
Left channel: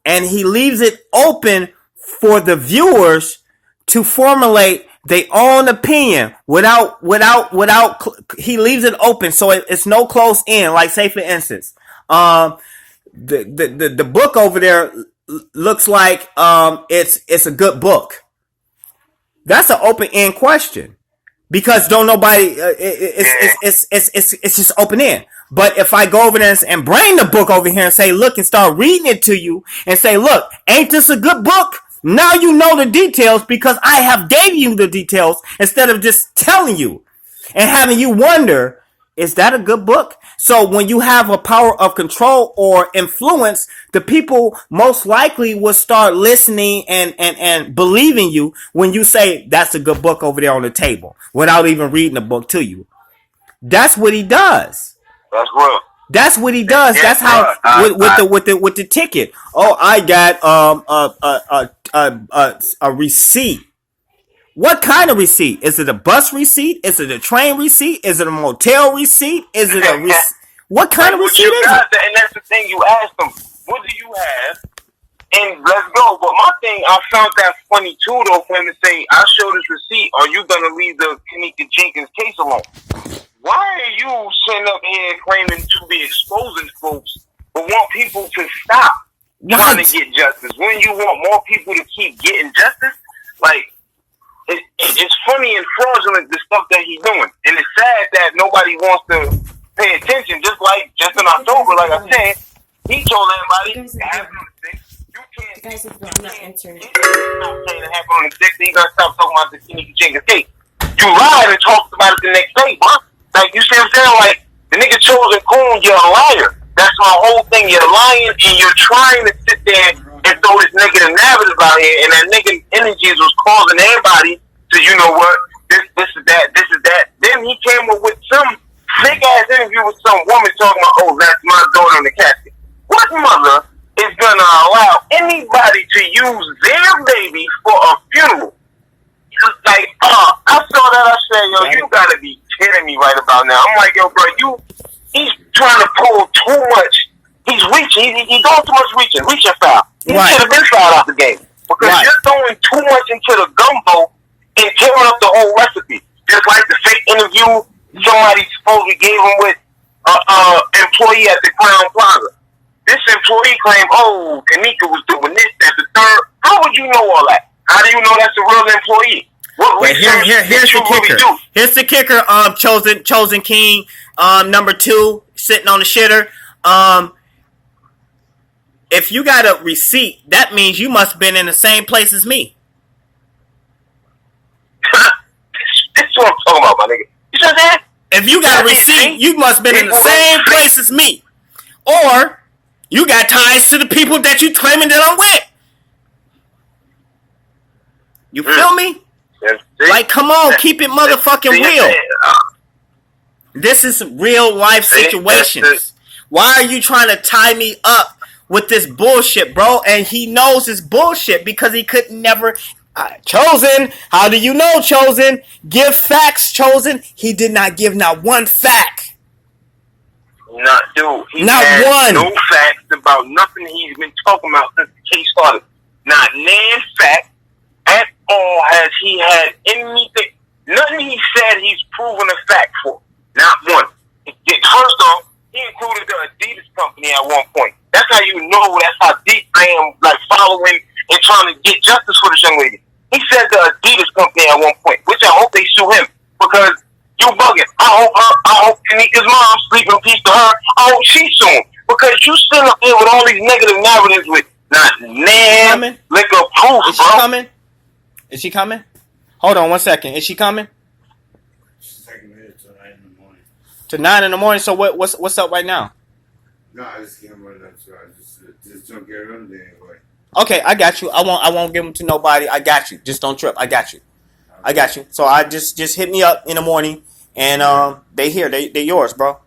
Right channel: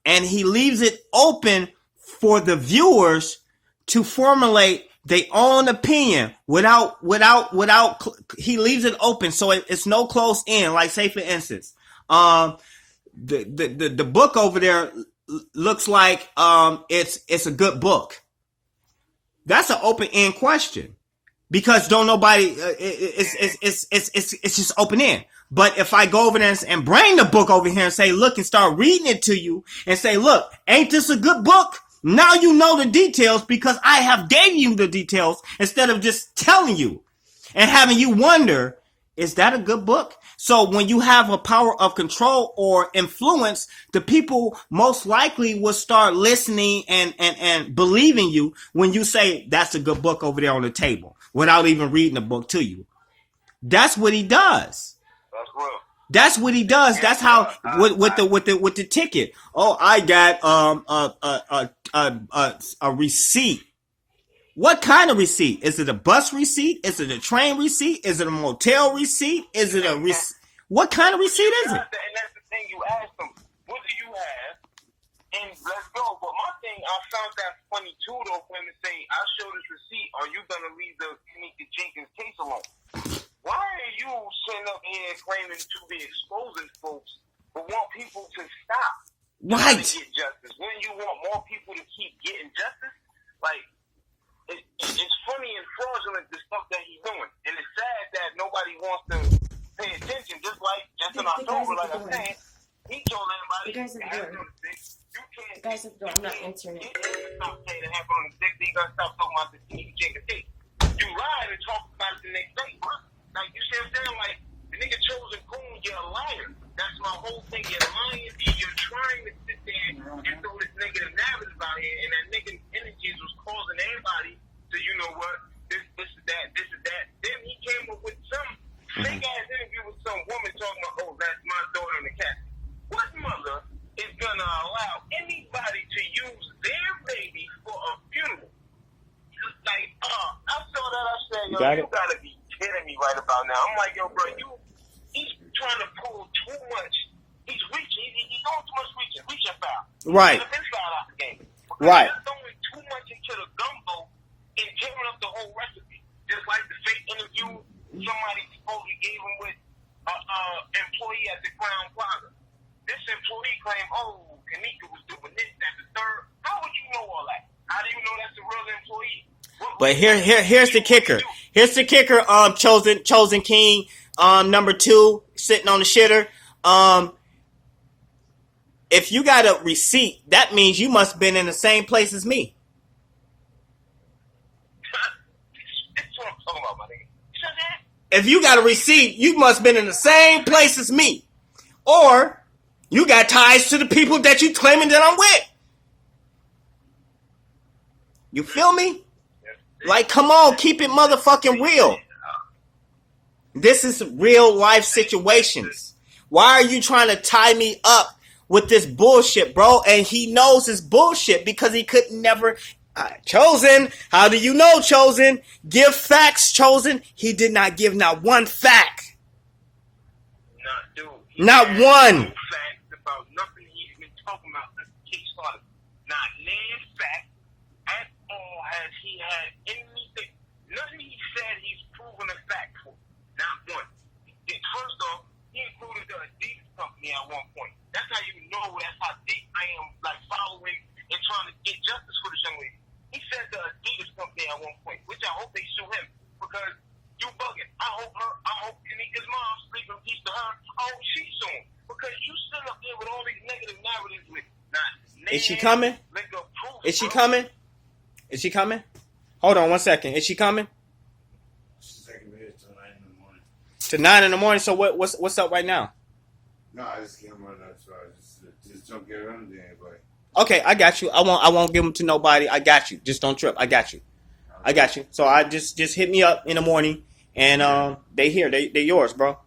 and he leaves it open for the viewers to formulate their own opinion without he leaves it open so it's no close end. Like, say for instance, the book over there looks like it's a good book. That's an open end question because don't nobody it's just open end. But if I go over there and bring the book over here and say, look, and start reading it to you and say, look, ain't this a good book? Now you know the details because I have gave you the details instead of just telling you and having you wonder, is that a good book? So when you have a power of control or influence, the people most likely will start listening and believing you when you say that's a good book over there on the table without even reading the book to you. That's what he does. That's real. That's what he does. Yeah, that's how with the ticket. Oh, I got a receipt. What kind of receipt? Is it a bus receipt? Is it a train receipt? Is it a motel receipt? Is it a what kind of receipt is it? And that's the thing, you asked them, what do you have? And let's go. But my thing, I found that funny too, though, for him to say, I'll show this receipt, or you gonna leave the Kenneka Jenkins case alone? Why are you sitting up here claiming to be exposing folks, but want people to stop trying to get justice? When you want more people to keep getting justice, like, it's funny and fraudulent, the stuff that he's doing. And it's sad that nobody wants to pay attention. Just in October, like I said, he told everybody to happen on the 6th. You can't. Guys, I'm not answering it. Stop saying it happened on the 6th. You gotta stop talking about the Kenneka Jenkins case. You lied and talked about it the next day, bro. Like, you see what I'm saying? Like, the nigga Chosen Coon, you're a liar. That's my whole thing. You're lying and you're trying to sit there and throw this negative narrative out here, and that negative energies was causing everybody to, you know what, this is that. Then he came up with some fake ass interview with some woman talking about, oh, that's my daughter in the casket. What mother is gonna allow anybody to use their baby for a funeral? Like, I saw that, I said, yo, you gotta be kidding me right about now. I'm like, yo, bro, he's trying to pull too much. He's reaching, he's doing too much reaching foul. He should have been fouled out the game. Because you're throwing too much into the gumbo and tearing up the whole recipe. Just like the fake interview somebody supposedly gave him with an employee at the Crown Plaza. This employee they claim, oh, Kenneka was doing this, that, the third. How would you know all that? How do you know that's a real employee? What research did you really do? Here's the kicker. Chosen King, number 2, sitting on the shitter. If you got a receipt, that means you must have been in the same place as me. This is what I'm talking about, my nigga. You said that? If you got a receipt, you must have been in the same place as me. Or you got ties to the people that you claiming that I'm with. You feel me? Like, come on, keep it motherfucking real. This is real life situations. Why are you trying to tie me up with this bullshit, bro? And he knows it's bullshit because he could never... Chosen, how do you know, Chosen? Give facts, Chosen. He did not give not one fact. Not, dude. He not has one. No facts about nothing he's been talking about since the case started. Not nan fact at all has he had anything. Nothing he said he's proven a fact for. Not one. First off, he included the Adidas company at one point. That's how you know. That's how deep I am, like, following and trying to get justice for this young lady. He said the Adidas company at one point, which I hope they sue him because you bugging. I hope Kenneka's mom, sleep in peace to her. I hope she sue him because you sitting up here with all these negative narratives with not nan liquor proof, Is she coming? Is she coming? Hold on 1 second. Is she coming? She's taking me till 9 in the morning. To 9 in the morning. So what's up right now? No, I just can't run that, so I just don't get on there anyway. Okay, I got you. I won't give them to nobody. I got you. Just don't trip. I got you. I got you. So I just hit me up in the morning, and they here. They yours, bro. All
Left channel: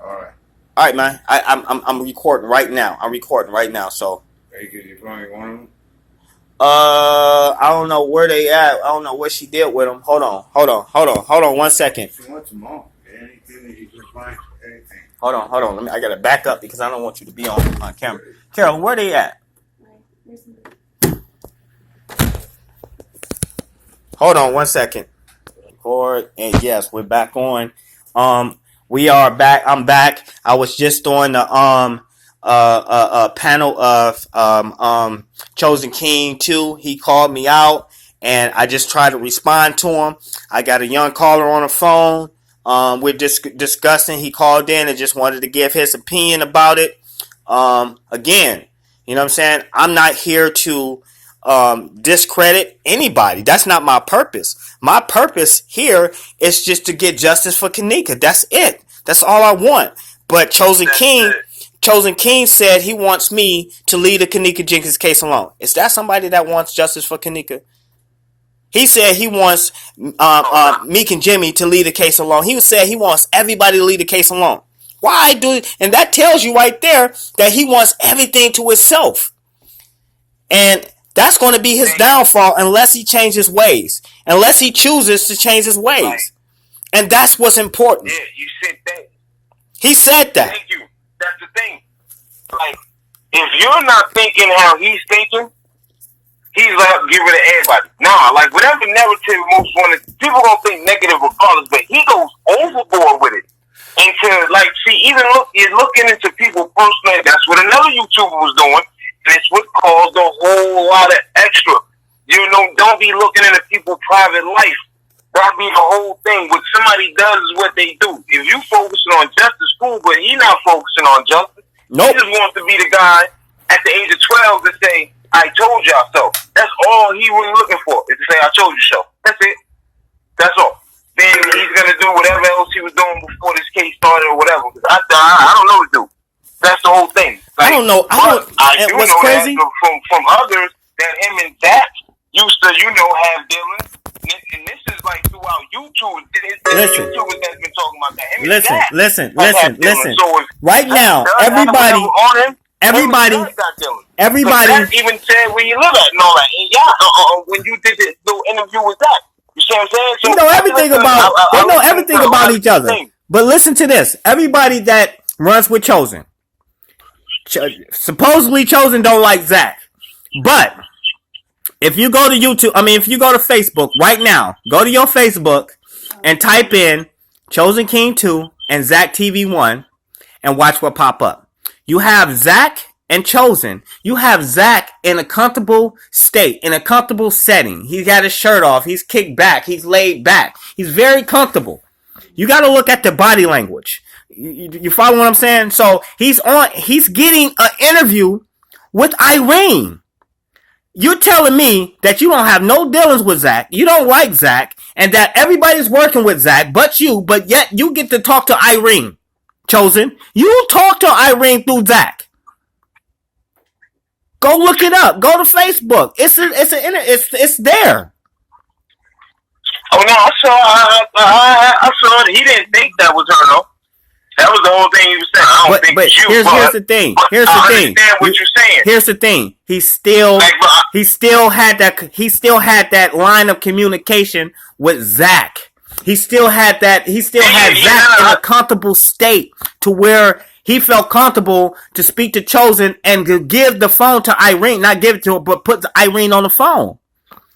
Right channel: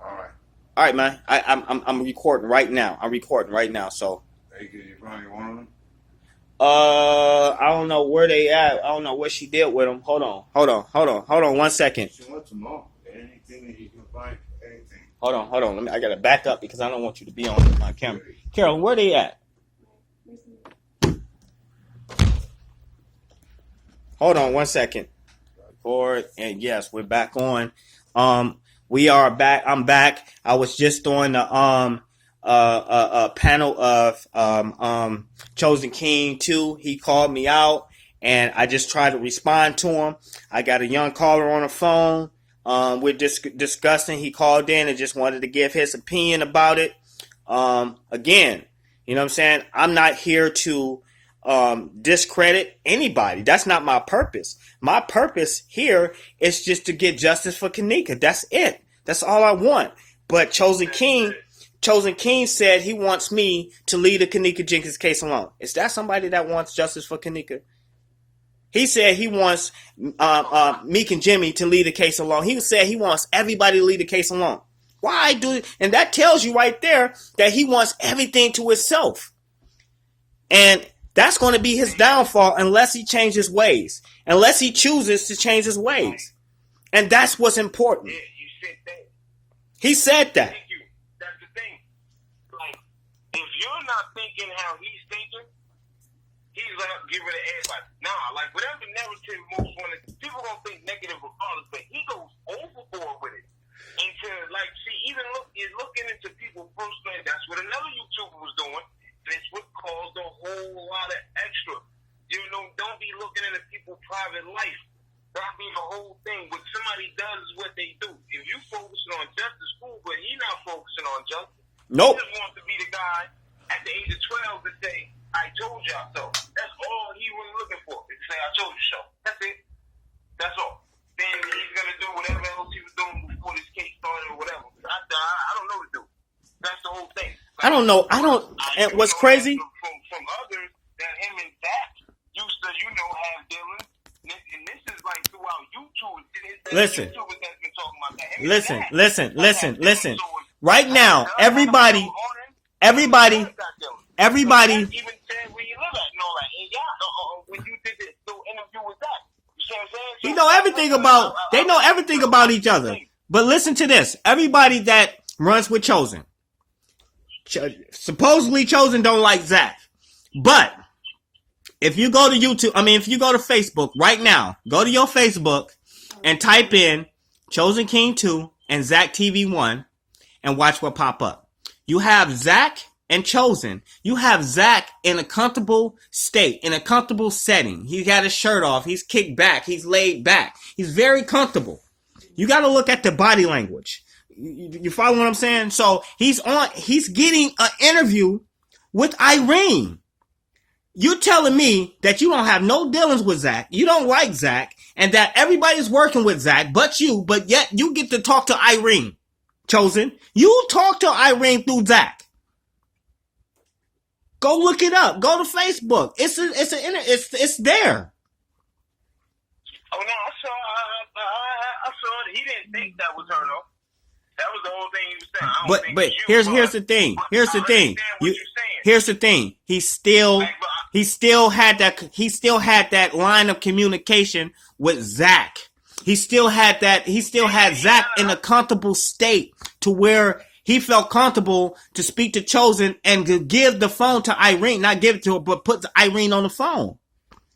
right. All right, man. I'm recording right now. So. Hey, could you probably want them? I don't know where they at. I don't know what she did with them. Hold on 1 second. She wants them all. Anything that you can find. Anything. Hold on. I gotta back up because I don't want you to be on camera. Carol, where they at? Hold on 1 second. Record, and yes, we're back on. We are back. I'm back. I was just on the panel of Chosen King 2. He called me out, and I just tried to respond to him. I got a young caller on the phone. We're discussing. He called in and just wanted to give his opinion about it. Again, you know what I'm saying? I'm not here to discredit anybody. That's not my purpose. My purpose here is just to get justice for Kenneka. That's it. That's all I want. But Chosen King said he wants me to leave the Kenneka Jenkins case alone. Is that somebody that wants justice for Kenneka? He said he wants Meek and Jimmy to leave the case alone. He said he wants everybody to leave the case alone. Why do? And that tells you right there that he wants everything to himself. And that's going to be his downfall unless he changes ways. Unless he chooses to change his ways. Right. And that's what's important. Yeah, you said that. He said that. Thank you. That's the thing. Like, if you're not thinking how he's thinking, he's like, give it to everybody. Nah, like, whatever narrative most wanted, people gonna think negative regardless, but he goes overboard with it. And to, like, see, even you're looking into people personally. That's what another YouTuber was doing. And it's what caused a whole lot of extra. You know, don't be looking into people's private life. That be the whole thing. What somebody does is what they do. If you focusing on justice, cool, but he not focusing on justice. Nope. He just wants to be the guy at the age of 12 to say, I told y'all so. That's all he was looking for, is to say, I told you so. That's it. That's all. Then he's going to do whatever else he was doing before this case started or whatever. I don't know what to do. That's the whole thing. Like, I don't know. I do know crazy? That from others that him and Zach used to, have dealings. And this is like throughout YouTube. YouTubers that's been talking about that. Him listen. So right now, everybody even said where you live at and all that. And yeah, when you did this little interview with that. You see what I'm saying? So they know everything about each other. But listen to this. Everybody that runs with Chosen. Supposedly Chosen don't like Zach. But if you go to if you go to Facebook right now, go to your Facebook and type in Chosen King 2 and Zach TV 1 and watch what pop up. You have Zach and Chosen, you have Zach in a comfortable state, in a comfortable setting. He's got his shirt off. He's kicked back. He's laid back. He's very comfortable. You got to look at the body language. You follow what I'm saying? So he's getting an interview with Irene. You're telling me that you don't have no dealings with Zach, you don't like Zach, and that everybody's working with Zach but yet you get to talk to Irene. Chosen, you talk to Irene through Zach. Go look it up. Go to Facebook. It's there. Oh no, I saw it. He didn't think that was her though. That was the whole thing he was saying. I don't think it's you. Here's the thing. Here's I the thing. understand what you're saying. Here's the thing. He still had that line of communication with Zach. He still had Zach in a comfortable state to where he felt comfortable to speak to Chosen and to give the phone to Irene, not give it to her, but put Irene on the phone.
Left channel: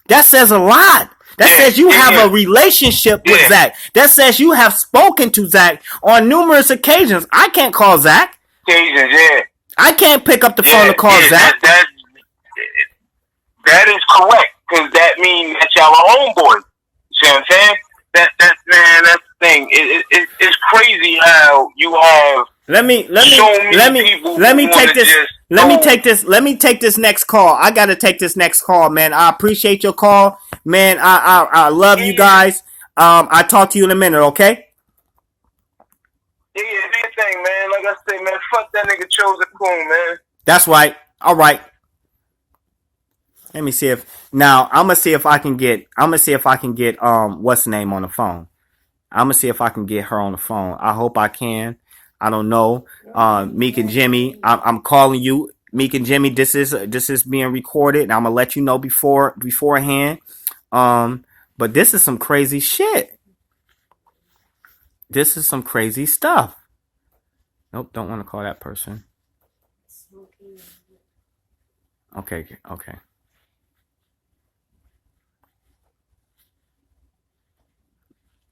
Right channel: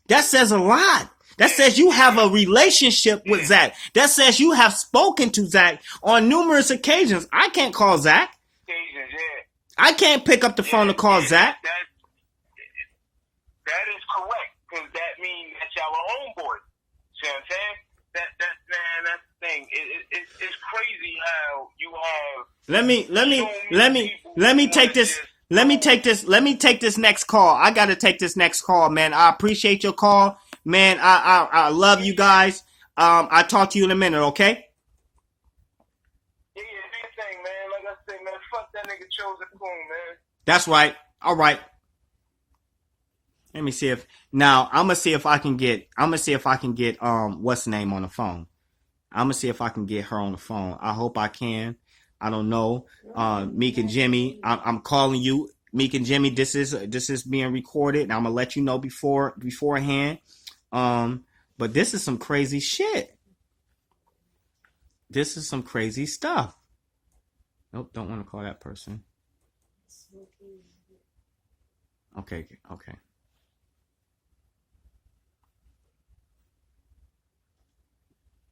That says a lot. That says you have a relationship with Zach. That says you have spoken to Zach on numerous occasions. I can't call Zach. I can't pick up the phone to call Zach. That is correct, because that means that y'all are homeboys. See what I'm saying? That's the thing. It's crazy how you have Let me take this next call. I gotta take this next call, man. I appreciate your call, man. I love you guys. I'll talk to you in a minute, okay? Yeah, big thing, man. Like I say, man, fuck that nigga Chosen Coon, man. That's right. All right. Let me see if I'm gonna see if I can get what's the name on the phone. I'm gonna see if I can get her on the phone. I hope I can. I don't know. Meek and Jimmy, I'm calling you. Meek and Jimmy, this is being recorded, and I'm gonna let you know beforehand. But this is some crazy shit. This is some crazy stuff. Nope, don't want to call that person. Okay.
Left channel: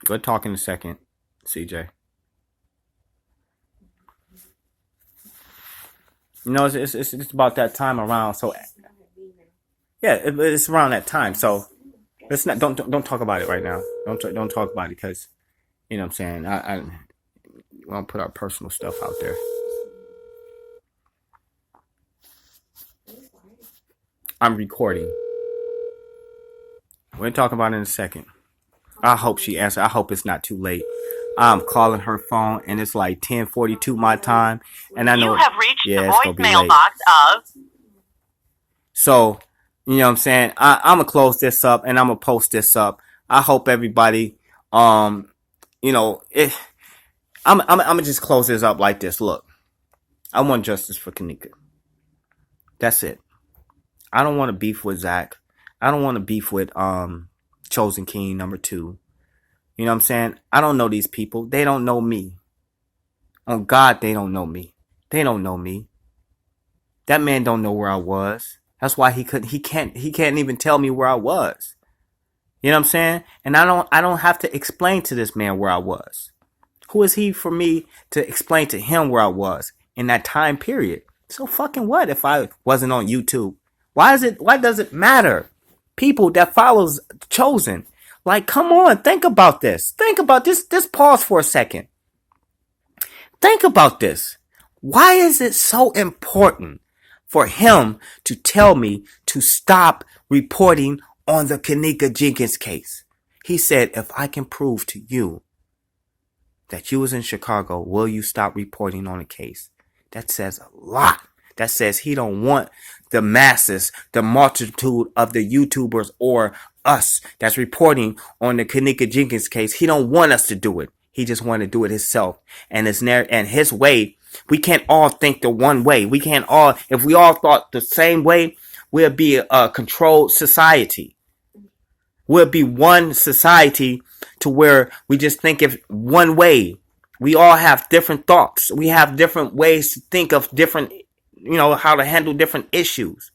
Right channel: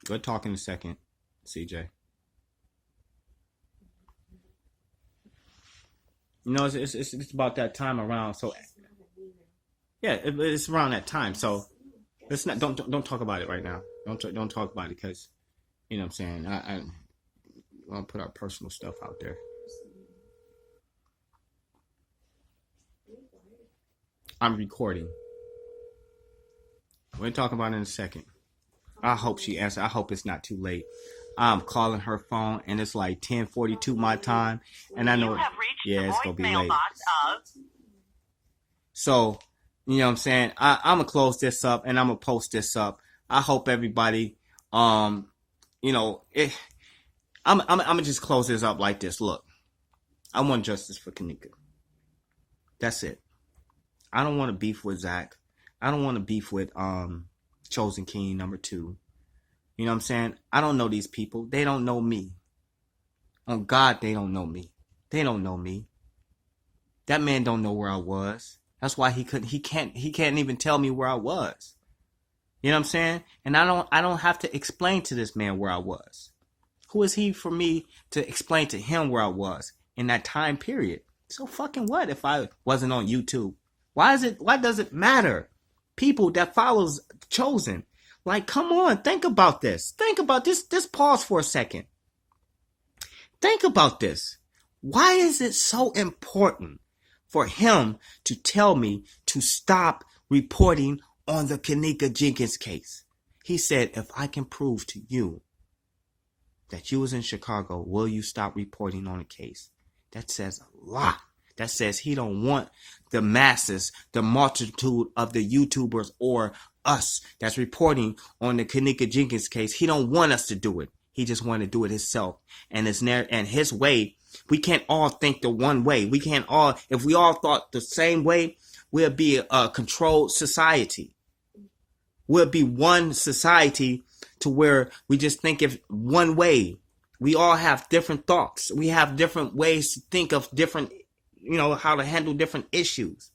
We'll talk in a second, CJ. You know, it's about that time around. So yeah, it's around that time. So let's not don't talk about it right now. Don't talk about it, because you know what I'm saying. I want to put our personal stuff out there. I'm recording. We're talking about it in a second. I hope she answers. I hope it's not too late. I'm calling her phone, and it's like 10:42 my time, and I know you have reached the voicemail box of. So, you know what I'm saying? I'm gonna close this up, and I'm gonna post this up. I hope everybody, I'm gonna just close this up like this. Look, I want justice for Kenneka. That's it. I don't want to beef with Zach. I don't want to beef with Chosen King number 2. You know what I'm saying? I don't know these people. They don't know me. On God, they don't know me. They don't know me. That man don't know where I was. That's why he can't even tell me where I was. You know what I'm saying? And I don't have to explain to this man where I was. Who is he for me to explain to him where I was in that time period? So fucking what if I wasn't on YouTube? Why does it matter? People that follows Chosen. Like, come on, think about this. Think about this. Just pause for a second. Think about this. Why is it so important for him to tell me to stop reporting on the Kenneka Jenkins case? He said, if I can prove to you that you was in Chicago, will you stop reporting on the case? That says a lot. That says he don't want the masses, the multitude of the YouTubers or us that's reporting on the Kenneka Jenkins case. He don't want us to do it. He just want to do it himself. And his way, we can't all think the one way. We can't all, if we all thought the same way, we'll be a controlled society. We'll be one society to where we just think of one way. We all have different thoughts. We have different ways to think of different, how to handle different issues.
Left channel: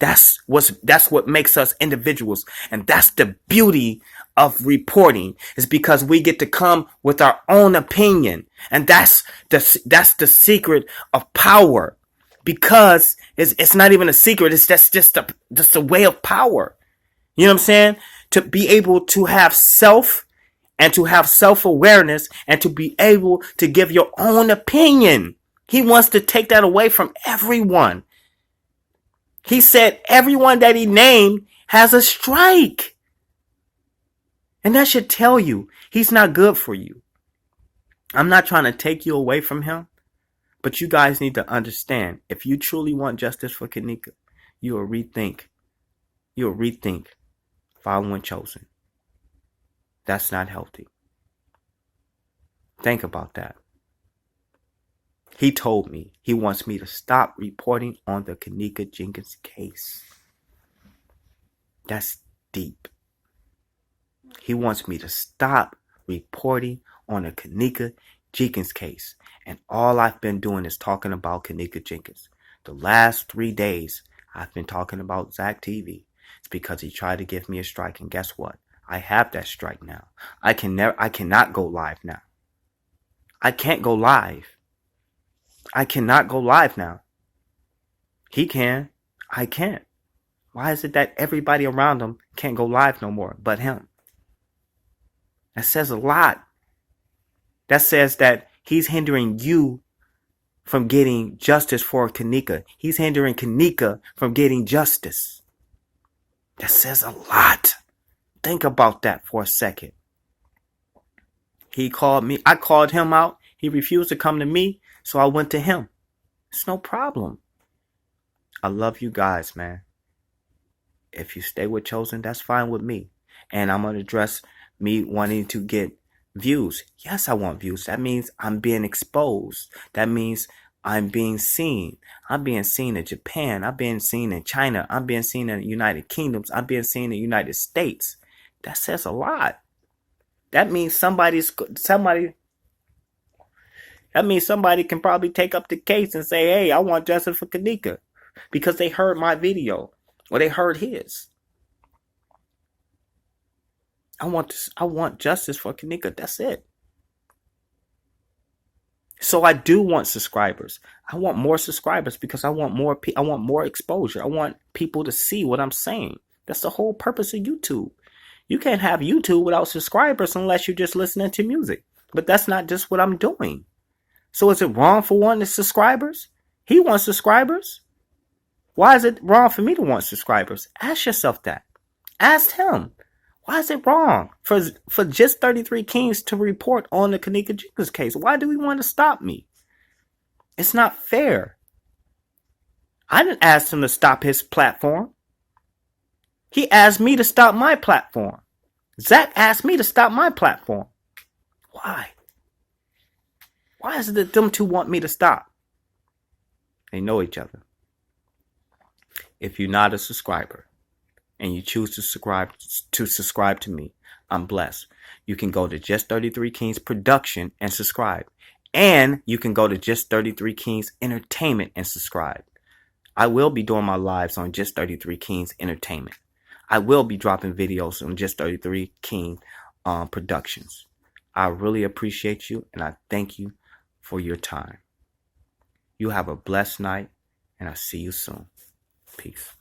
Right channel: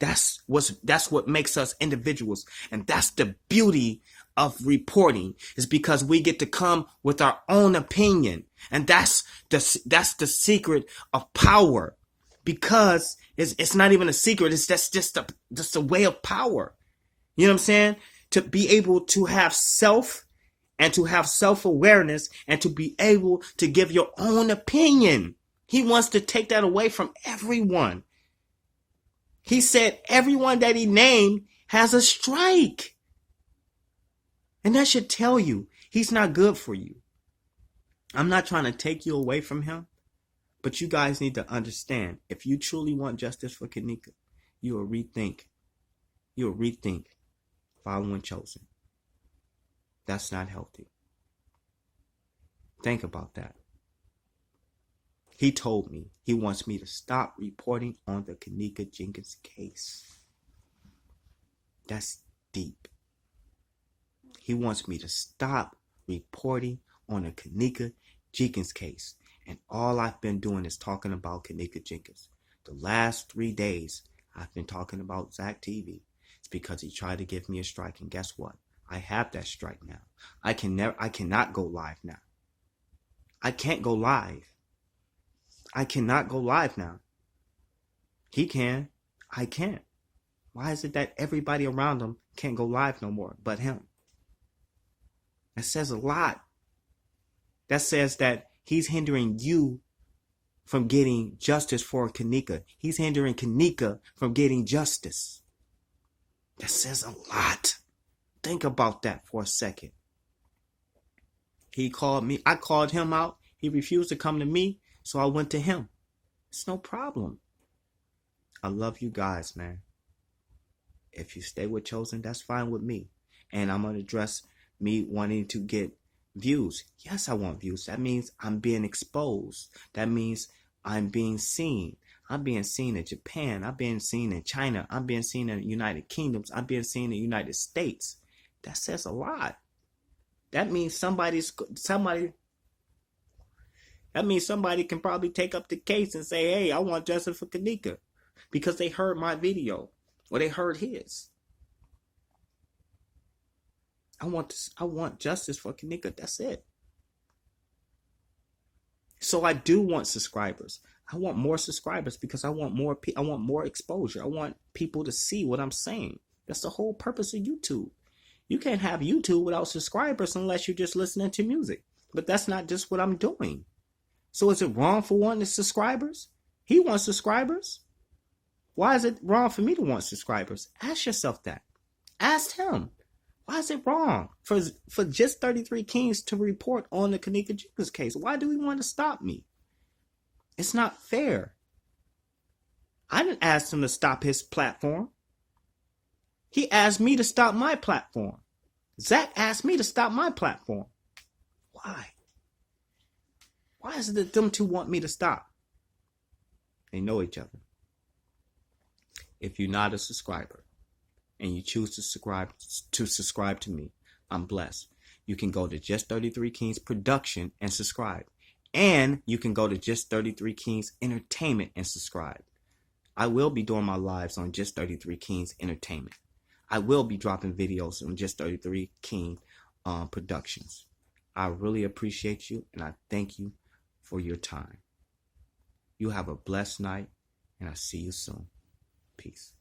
That's what makes us individuals. And that's the beauty of reporting, is because we get to come with our own opinion. And that's the secret of power. because it's not even a secret. It's just a way of power. You know what I'm saying? To be able to have self and to have self-awareness and to be able to give your own opinion. He wants to take that away from everyone. He said everyone that he named has a strike. And that should tell you he's not good for you. I'm not trying to take you away from him, but you guys need to understand, if you truly want justice for Kenneka, you'll rethink following Chosen. That's not healthy. Think about that. He told me he wants me to stop reporting on the Kenneka Jenkins case. That's deep. He wants me to stop reporting on the Kenneka Jenkins case. And all I've been doing is talking about Kenneka Jenkins. The last 3 days, I've been talking about Zach TV. It's because he tried to give me a strike. And guess what? I have that strike now. I cannot go live now. I can't go live. I cannot go live now. He can. I can't. Why is it that everybody around him can't go live no more but him? That says a lot. That says that he's hindering you from getting justice for Kenneka. He's hindering Kenneka from getting justice. That says a lot. Think about that for a second. He called me. I called him out. He refused to come to me, so I went to him. It's no problem. I love you guys, man. If you stay with Chosen, that's fine with me. And I'm going to address me wanting to get views. Yes, I want views. That means I'm being exposed. That means I'm being seen. I'm being seen in Japan. I'm being seen in China. I'm being seen in the United Kingdoms. I'm being seen in the United States. That says a lot. That means somebody can probably take up the case and say, hey, I want justice for Kenneka, because they heard my video or they heard his. I want justice for Kenneka. That's it. So I do want subscribers. I want more subscribers because I want more exposure. I want people to see what I'm saying. That's the whole purpose of YouTube. You can't have YouTube without subscribers unless you're just listening to music. But that's not just what I'm doing. So is it wrong for wanting subscribers? He wants subscribers. Why is it wrong for me to want subscribers? Ask yourself that. Ask him. Why is it wrong for just 33 Kings to report on the Kenneka Jenkins case? Why do he want to stop me? It's not fair. I didn't ask him to stop his platform. He asked me to stop my platform. Zach asked me to stop my platform. Why? Why is it that them two want me to stop? They know each other. If you're not a subscriber and you choose to subscribe to me, I'm blessed. You can go to Just 33 Kings Production and subscribe. And you can go to Just 33 Kings Entertainment and subscribe. I will be doing my lives on Just 33 Kings Entertainment. I will be dropping videos on Just 33 King Productions. I really appreciate you and I thank you for your time. You have a blessed night and I'll see you soon. Peace.